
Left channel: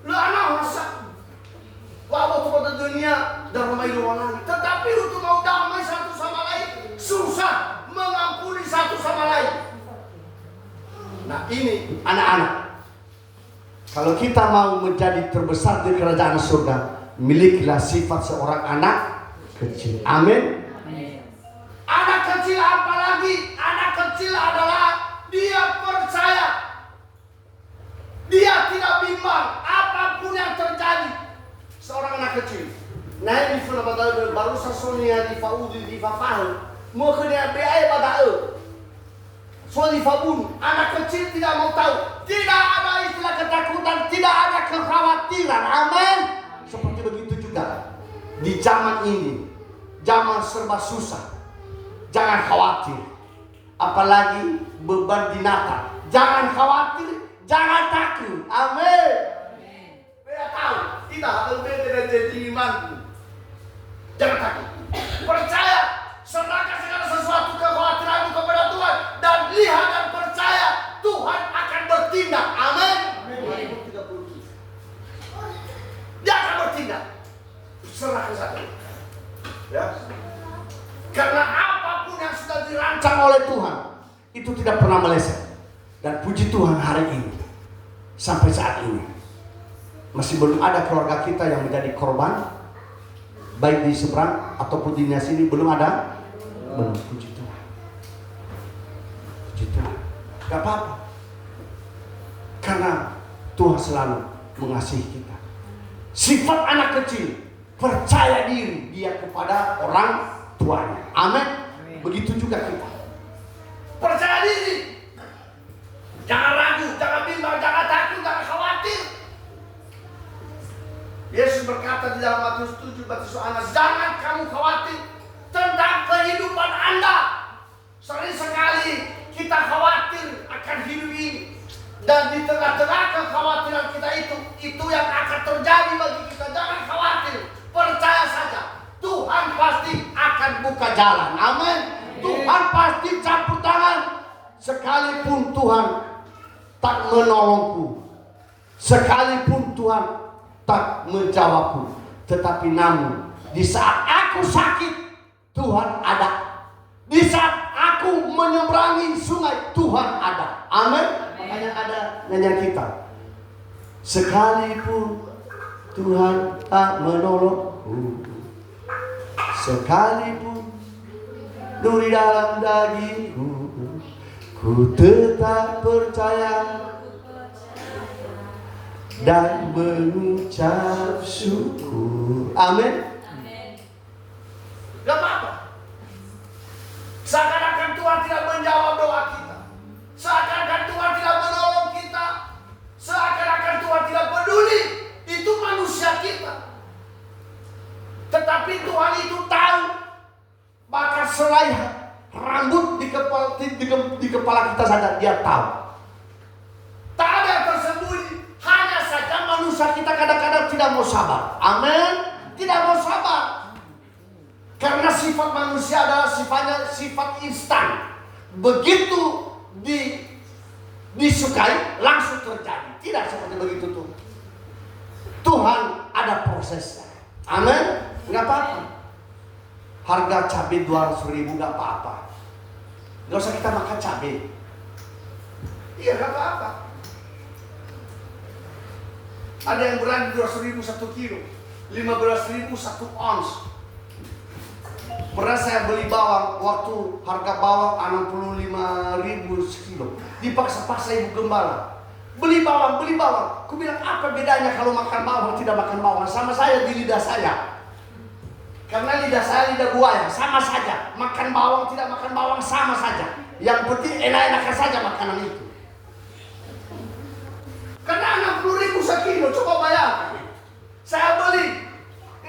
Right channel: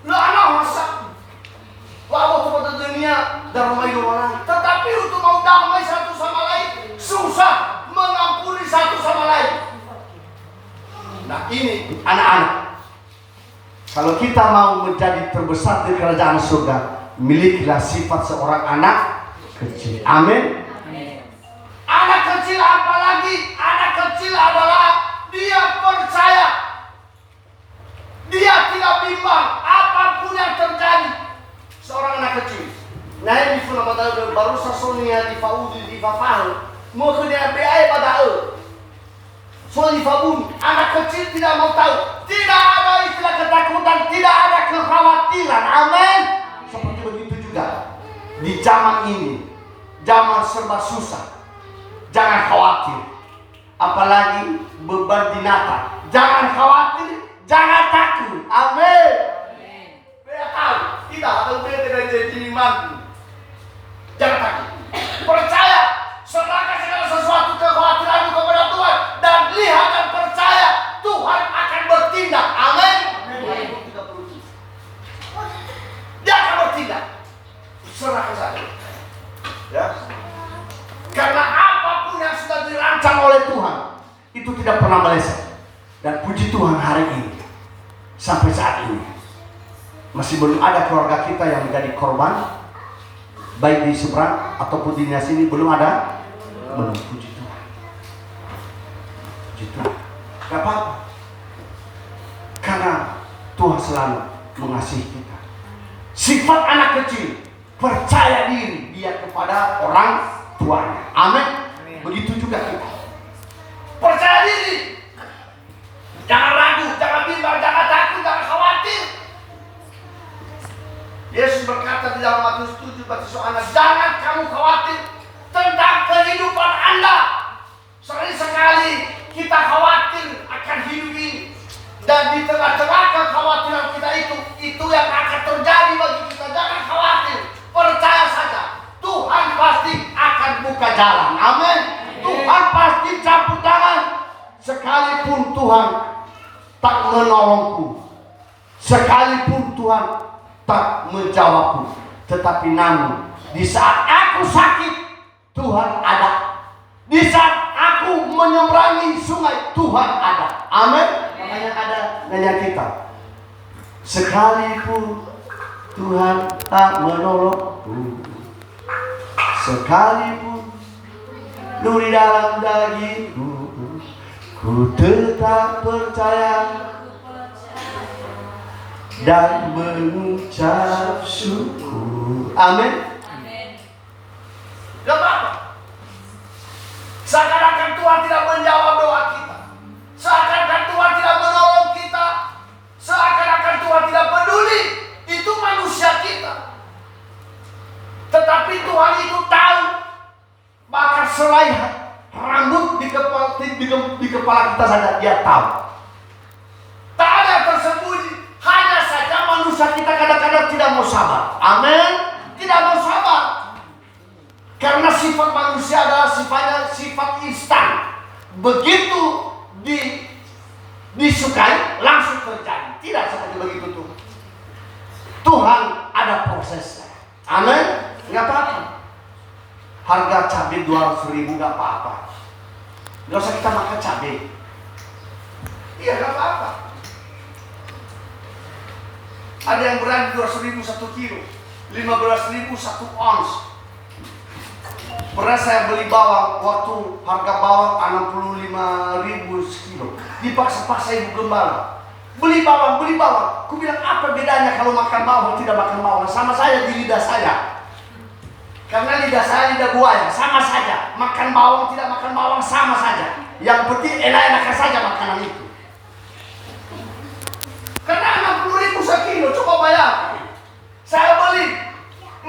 lo anak masa wabah kepada dunia dan rumah orang. Tetapi untuk mau damai satu sama lain susah mengampuni satu sama lain. Nah ini anak-anak. Kalau kita mau menjadi terbesar di kerajaan surga, milikilah sifat seorang anak kecil. Amin. Anak kecil apalagi? Anak kecil adalah dia percaya. Dia tidak bimbang apapun yang terjadi. Seorang anak kecil. Nah ini pun baru sasonya di Paudi di Papal. Mau ke DBA pada soal di Fabun. Anak kecil tidak mau tahu. Tidak ada istilah ketakutan. Tidak ada kekhawatiran. Amin. Seperti begitu juga di zaman ini. Zaman serba susah. Jangan khawatir. Apalagi beban di Natal. Jangan khawatir. Jangan takut. Amin. Biar tahu. Tidak. Kalau dia tidak jadi mantu. Jangan takut. Percaya. Serahkan segala sesuatu kekhawatiranmu kepada Tuhan. Dan lihat dan percaya. Tuhan akan bertindak. Amin. Dia akan bertindak. Serahkan saja. Ya. Karena apapun yang sudah dirancang oleh Tuhan itu tidak pernah meleset. Dan puji Tuhan hari ini sampai saat ini masih belum ada keluarga kita yang menjadi korban, baik di seberang ataupun di sini belum ada. Belum. Puji Tuhan. Puji Tuhan. Gak apa-apa. Karena Tuhan selalu mengasihi kita. Sifat anak kecil percaya diri dia kepada orang tuanya. Amin. Begitu juga kita. Percaya diri. Jangan ragu, jangan bimbang, jangan takut, jangan khawatir. Yesus berkata di dalam Matius 7 bagi anak, jangan kamu khawatir tentang kehidupan Anda. Sering sekali kita khawatir akan hidup ini. Dan di tengah-tengah kekhawatiran kita itu yang akan terjadi bagi kita. Jangan khawatir, percaya saja. Tuhan pasti akan buka jalan. Amin. Tuhan pasti campur tangan. Sekalipun Tuhan tak menolongku, sekalipun Tuhan tak menjawabku, tetapi namun di saat aku sakit, Tuhan ada. Di saat aku menyeberangi sungai, Tuhan ada. Amin. Makanya ada nyanyian kita. Sekalipun Tuhan tak menolongku, sekalipun duri dalam dagingku, ku tetap percaya dan mengucap syukur. Amin. Gak apa-apa. Seakan-akan Tuhan tidak menjawab doa kita, seakan-akan Tuhan tidak menolong kita, seakan-akan Tuhan tidak peduli. Itu manusia kita. Tetapi Tuhan itu tahu. Bahkan selai rambut di kepala kita saja Dia tahu. Tak ada yang tersembunyi. Hanya saja manusia kita kadang-kadang tidak mau sabar. Amin. Tidak mau sabar. Karena sifat manusia adalah sifatnya sifat instan. Begitu disukai langsung terjadi. Tidak seperti begitu tuh. Tuhan ada prosesnya. Amin. Nggak apa-apa. Harga cabai 200.000 nggak apa-apa. Nggak usah kita makan cabai. Iya nggak apa-apa. Ada yang berani 200.000 1 kilo, 15.000 1 ons. Pernah saya beli bawang, waktu harga bawang 65.000 sekilo. Dipaksa-paksa ibu gembala. Beli bawang. Ku bilang apa bedanya kalau makan bawang tidak makan bawang? Sama saya di lidah saya. Karena lidah saya lidah buaya, sama saja. Makan bawang tidak makan bawang sama saja. Yang penting enak-enakan saja makanan itu. Karena 60.000 sekilo, coba bayar. Saya beli,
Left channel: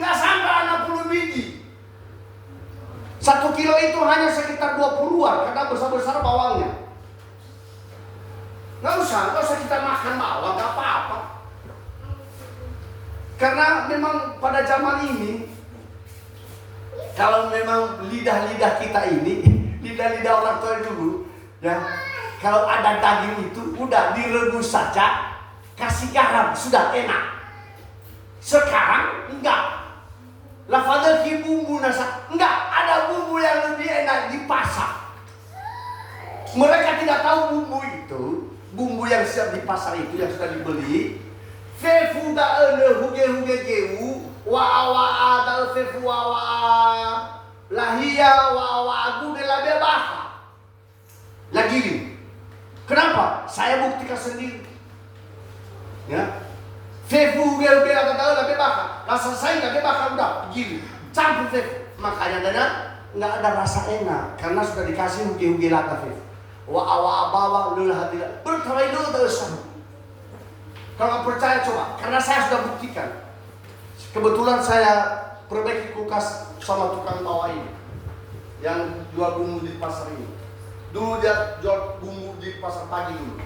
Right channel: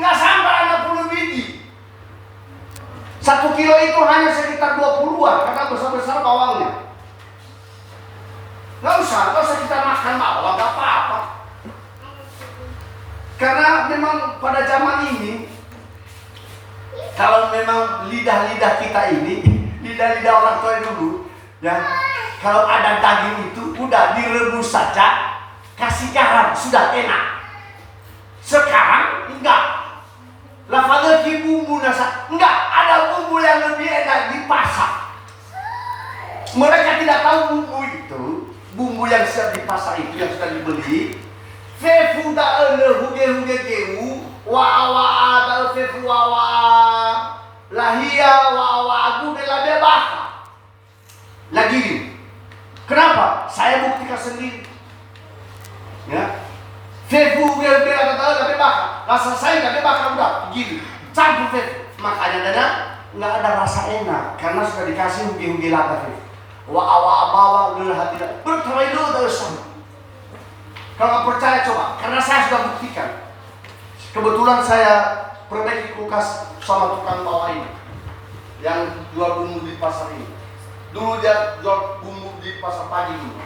nggak sampai 60 biji. 1 kilo itu hanya sekitar 20-an, karena besar-besar bawangnya. Nggak usah kita makan bawang, nggak apa-apa. Karena memang pada zaman ini, kalau memang lidah-lidah kita ini, lidah-lidah orang tua dulu, ya, kalau ada daging itu udah direbus saja, kasih garam sudah enak. Sekarang enggak. Lafadaki bumbu nasa, enggak ada bumbu yang lebih enak di pasar. Mereka tidak tahu bumbu itu, bumbu yang siap di pasar itu yang sudah dibeli. Fefu da huge geu. Wa dal fefu wa lahia wa agu de la bebaka. Lagi ini. Kenapa? Saya buktikan sendiri. Ya. Fefu gel atau la bebaka. Rasa saya la bebaka udah gini. Campur fefu. Makanya dana enggak ada rasa enak karena sudah dikasih huge lata fefu. Wa bawang lelah tidak. Bertawai dulu terus. Kalau nggak percaya coba, karena saya sudah buktikan. Kebetulan saya perbaiki kulkas sama tukang bawah ini yang jual bumbu di pasar ini. Dulu dia jual bumbu di pasar pagi dulu.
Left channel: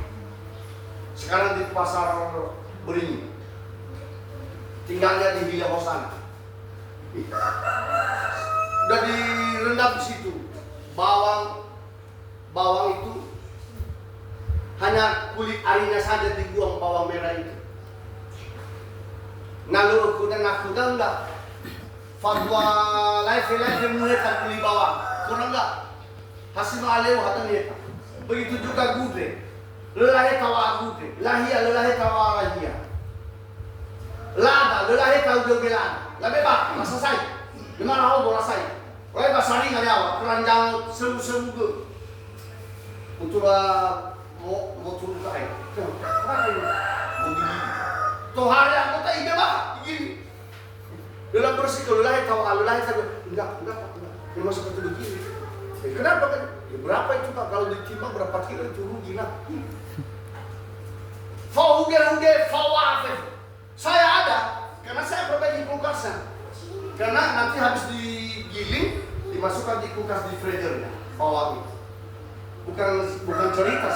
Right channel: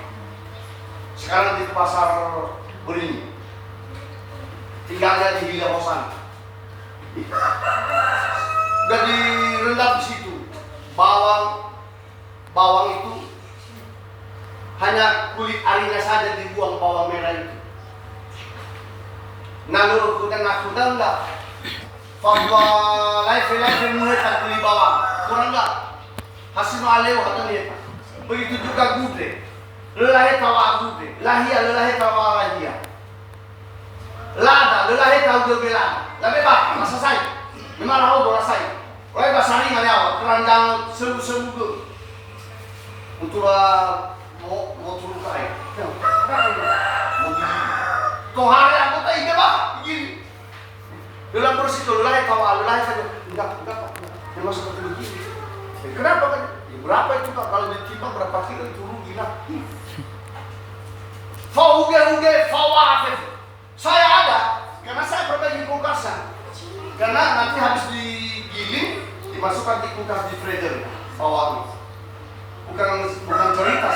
Sekarang di pasar Beringin. Tinggalnya di Villa Hosan. Udah direndam di situ. Bawang itu hanya kulit arinya saja dibuang, bawang merah itu. Nalo aku enggak. Fatwa live mereka beli bawang. Kurang enggak? Hasil aleo kata dia. Begitu juga gudre. Lelahe tawa gudre. Lelahe tawa lahia. Lada, lelahe tawa gelada. Labe bak, masa saya. Gimana aku bola saya? Oleh basari ngaliawa, keranjang sebu-sebu. Untuk mau turun ke air. Mau gini. Tuh hari aku tak ingat lah, begini. Dalam bersih itu, lelai tawa, lelai saja. Enggak. Memang seperti begini. Kenapa kan? Ya, berapa itu Pak? Kalau ditimbang berapa kilo itu rugi lah. Fauge, fawafef. Saya ada, karena saya perbaiki kulkasnya. Karena nanti habis digiling, dimasukkan di kulkas di freezer bawang. Bukan cerita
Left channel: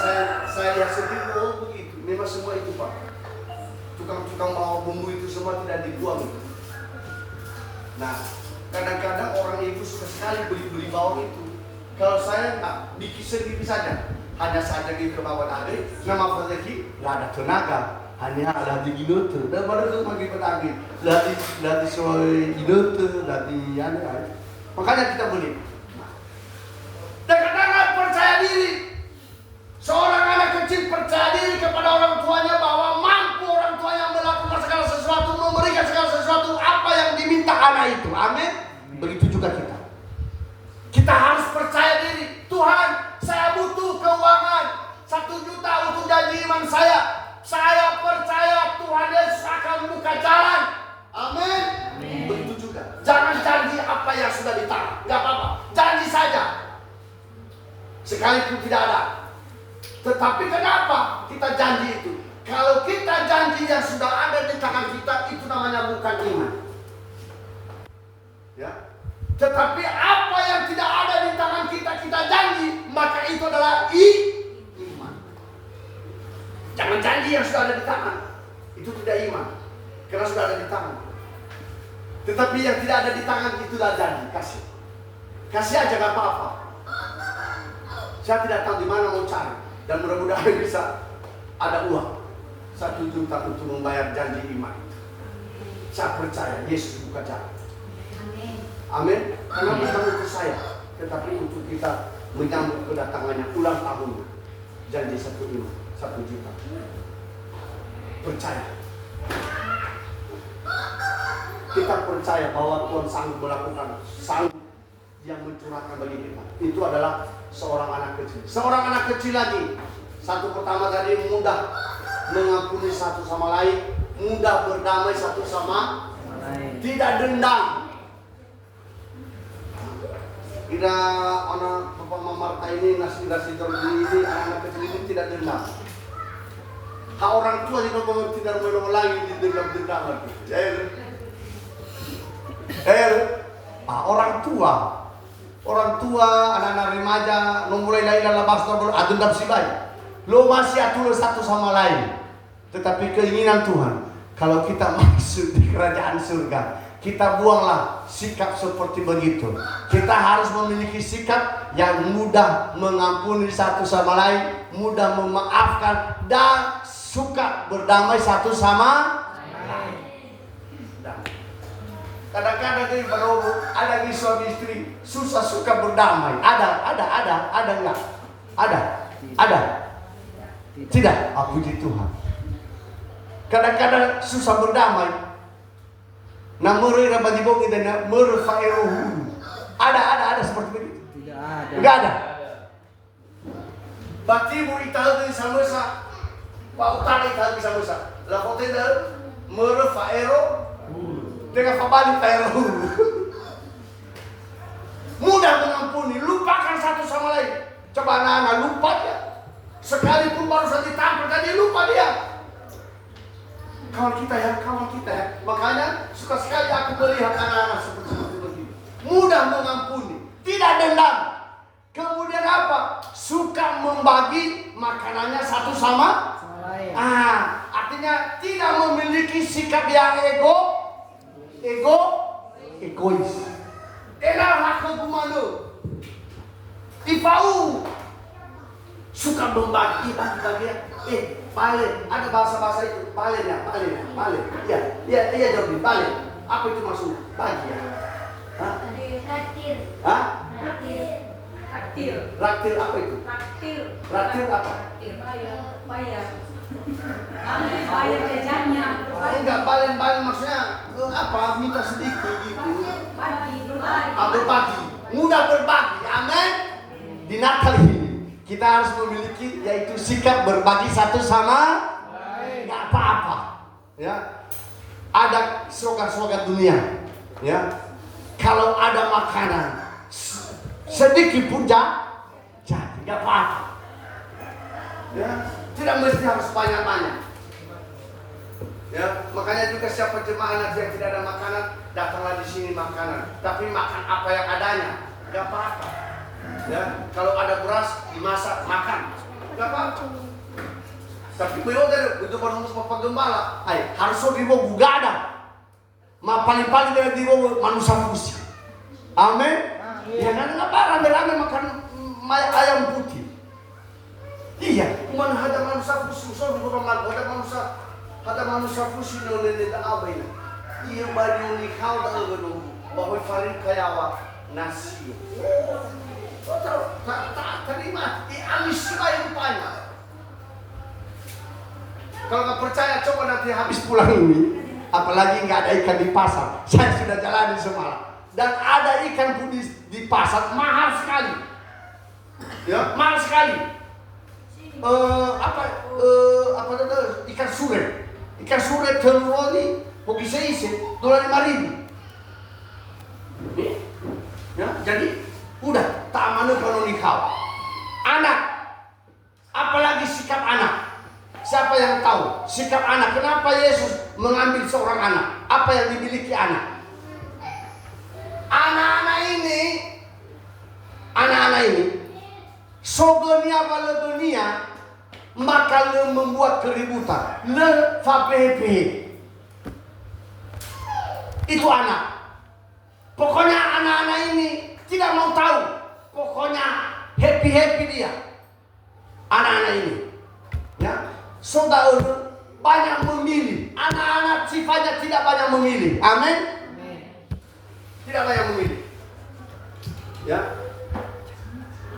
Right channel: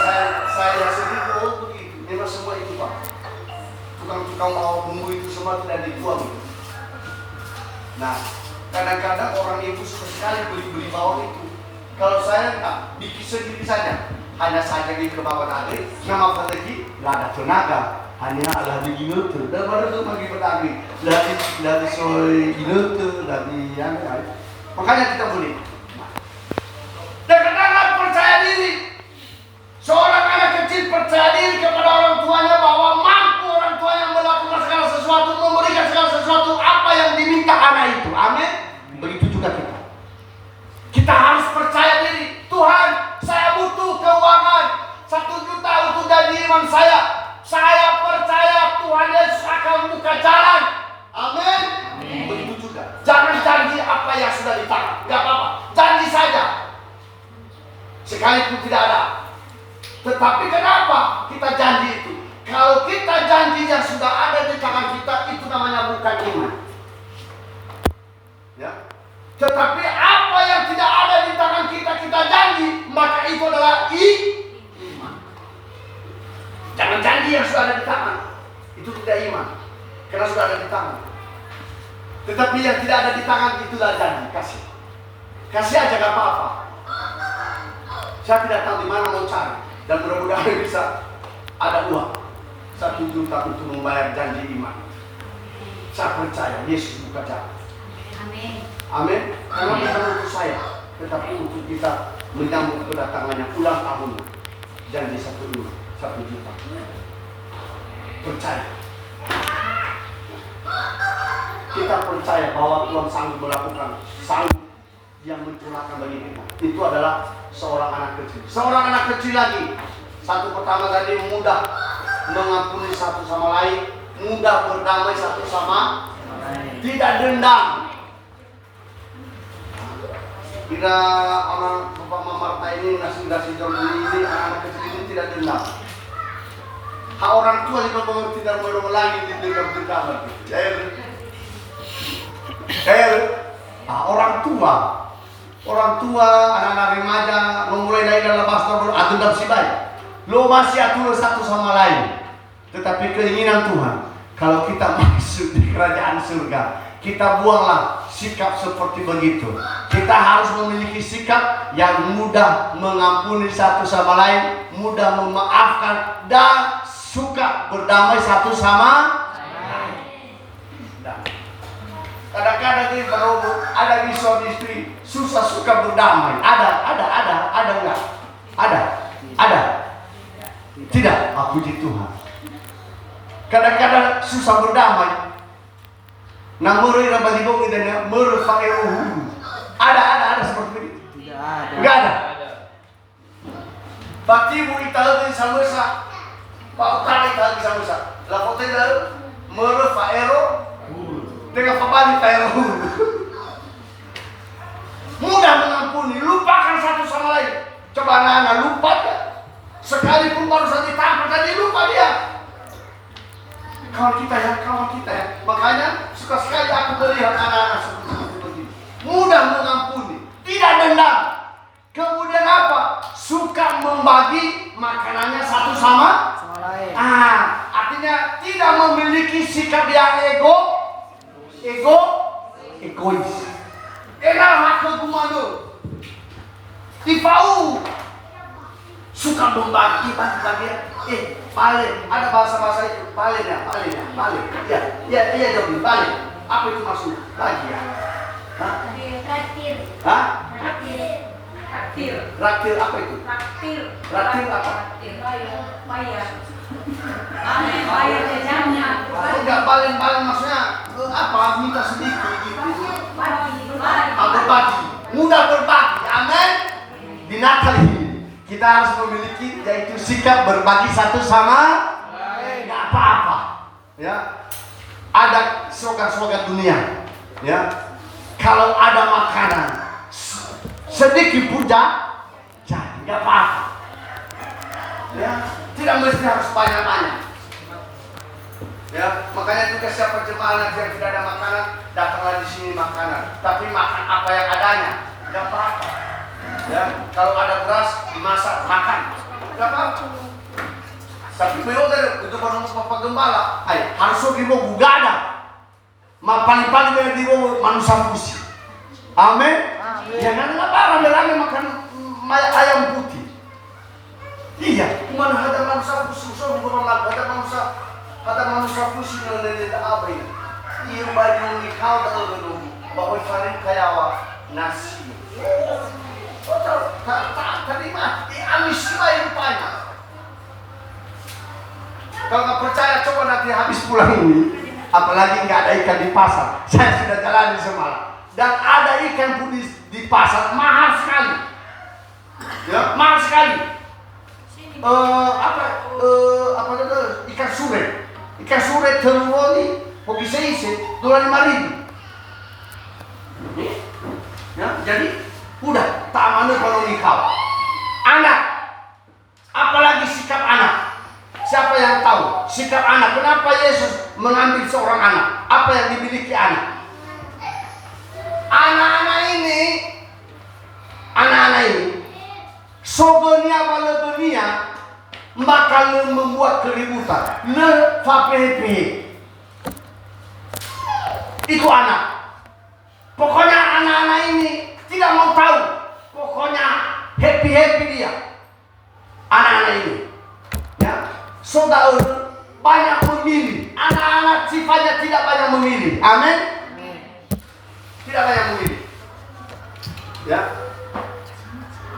saya sendiri, oh begitu. Memang semua itu Pak. Tukang-tukang bawa bumbu itu semua tidak dibuang. Nah, kadang-kadang orang ibu suka sekali beli bawang itu. Kalau saya enggak, bikin sendiri saja. Hanya saja di bawang tadi, nama lagi, nggak ada tenaga. Hanya ada di minutu. Dan baru itu bagi pedagi. Dari soal minutu, dari yang lain. Makanya kita beli. Kadang-kadang percaya diri. Seorang anak kecil percaya diri kepada orang tuanya bahwa mampu orang tuanya melakukan segala sesuatu, memberikan segala sesuatu apa yang diminta anak itu. Amin. Begitu juga kita. Kita harus percaya diri. Tuhan, saya butuh keuangan 1 juta untuk janji iman saya. Saya percaya Tuhan Yesus akan buka jalan. Amin. Begitu juga. Jangan janji apa yang sudah ditangan. Gak apa-apa. Janji saja. Sekalipun tidak ada. Tetapi kenapa kita janji itu? Kalau kita janji yang sudah ada di tangan kita, itu namanya bukan iman. Ya. Tetapi apa yang tidak ada di tangan kita, kita janji, maka itu adalah iman. Jangan janji yang sudah ada di tangan. Itu tidak iman. Karena sudah ada di tangan. Tetapi yang tidak ada di tangan, itulah janji. Kasih. Kasih aja gak apa-apa. Saya tidak tahu di mana mau cari, dan mudah-mudahan bisa ada uang 1 juta untuk membayar janji iman. Saya percaya Yesus buka jalan. Amin. Amin. Karena bukan untuk saya, tetapi untuk kita menyambut kedatangannya ulang tahun janji 1 juta. Percaya. Kita percaya bahwa Tuhan sanggup melakukan, sanggup yang mencurahkan bagi kita. Itu adalah seorang anak kecil. Seorang anak kecil lagi. Satu pertama tadi mudah mengampuni satu sama lain, mudah berdamai satu sama lain, tidak dendam. Kira anak Bapak Mamarta ini nasi Jordi ini anak kecil ini tidak dendam. Hak orang tua juga mengerti dan menolongi di dendam-dendam gitu. Orang tua, anak-anak remaja, lo mulai dari dalam pastor, dendam si baik. Lo masih atur satu sama lain. Tetapi keinginan Tuhan, kalau kita masuk di kerajaan surga, kita buanglah sikap seperti begitu. Kita harus memiliki sikap yang mudah mengampuni satu sama lain, mudah memaafkan, dan suka berdamai satu sama lain. Kadang-kadang di baru ada di suami istri susah suka berdamai. Ada enggak? Ada. Tidak, puji Tuhan. Kadang-kadang susah berdamai. Namuri rabbi bomi dan murfairuhu. Ada seperti itu. Tidak ada. Enggak ada. Baki muri tahu sama sa. Pak kali tahu sama sa. La foto itu murfairuhu. Dengan pabali kayak mudah mengampuni, lupakan satu sama lain. Coba anak-anak lupa ya. Sekalipun baru saja ditampar tadi lupa dia. Kawan kita ya. Makanya suka sekali aku melihat anak-anak seperti begini. Mudah mengampuni, tidak dendam. Kemudian apa? Suka membagi makanannya satu sama lain. Artinya tidak memiliki sikap yang egois. Enak aku kumano. Tipau. Suka membagi bagian. Pale. Ada bahasa itu. Pale. Iya jawab pale. Apa itu maksudnya? Bagi ya. Traktir. Hah? Traktir. Traktir apa itu? Traktir apa? Bayar jajannya. Enggak balen maksudnya apa? Minta sedikit gitu. Berbagi. Mudah berbagi. Amin. Di Natal ini kita harus memiliki yaitu sikap berbagi satu sama lain. Enggak apa-apa. Ya. Ada slogan-slogan dunia. Ya. Kalau ada makanan sedikit pun jadi enggak apa-apa. Ya. Tidak mesti harus banyak-banyak. Ya, makanya juga siapa jemaah yang tidak ada makanan, datanglah di sini makanan. Tapi makan apa yang adanya. Gak apa-apa. Ya, kalau ada beras dimasak makan, gak apa-apa. Tapi beliau kan untuk Bapak Gembala, harus ribu gak ada. Paling-paling dari ribu manusia fusi. Amin. Jangan apa rame-rame makan ayam putih. Iya, mana ada manusia fusi, ada manusia fusi oleh apa ini? Iya, baju ni kau dah dulu, bawa farin kayak nasi. Tak terima, amis itu banyak. Kalau nggak percaya, coba nanti habis pulang ini, apalagi nggak ada ikan di pasar. Saya sudah jalani semalam, dan ada ikan pun di pasar mahal sekali, ya mahal sekali. Apa itu ikan sure telur ini, kok bisa isi $5.000. Ya, jadi udah tak mana kalau nikah. Anak, apalagi sikap anak. Siapa yang tahu sikap anak? Kenapa Yesus mengambil seorang anak? Apa yang dimiliki anak? Anak-anak ini sogonia wala dunia bakal membuat keributan. Le fapehe. Itu anak. Pokoknya anak-anak ini tidak mau tahu. Pokoknya happy dia. Anak-anak ini. Ya. Saudara banyak memilih. Anak-anak sifatnya tidak banyak memilih. Amin. Tidak banyak memilih. Ya.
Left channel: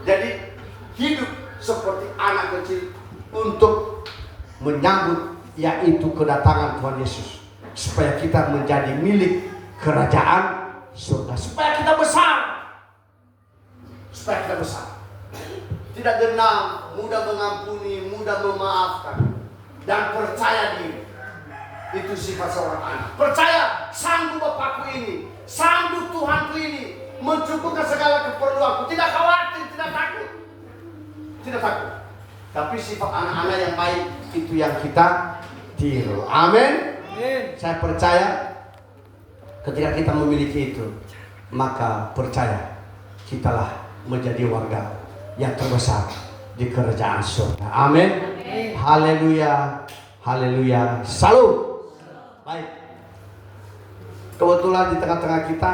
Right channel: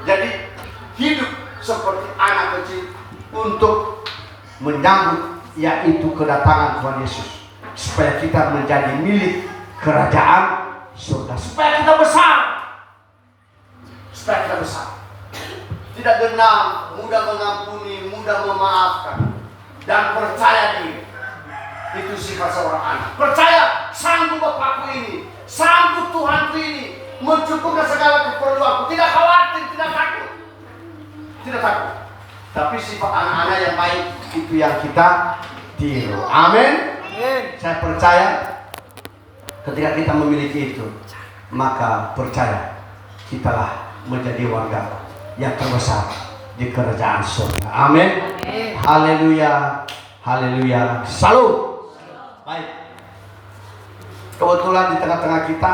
Jadi hidup seperti anak kecil untuk menyambut yaitu kedatangan Tuhan Yesus, supaya kita menjadi milik kerajaan surga, supaya kita besar, tidak dendam, mudah mengampuni, mudah memaafkan, dan percaya diri. Itu sifat seorang anak. Percaya, sanggup Bapakku ini, sanggup Tuhanku ini mencukupkan segala keperluanku. Tidak khawatir, tidak takut. Tapi sifat anak-anak yang baik itu yang kita tiru. Amin. Saya percaya ketika kita memiliki itu, maka percaya kitalah menjadi warga yang terbesar di kerajaan surga. Amin. Haleluya. Haleluya. Salut. Baik. Kebetulan di tengah-tengah kita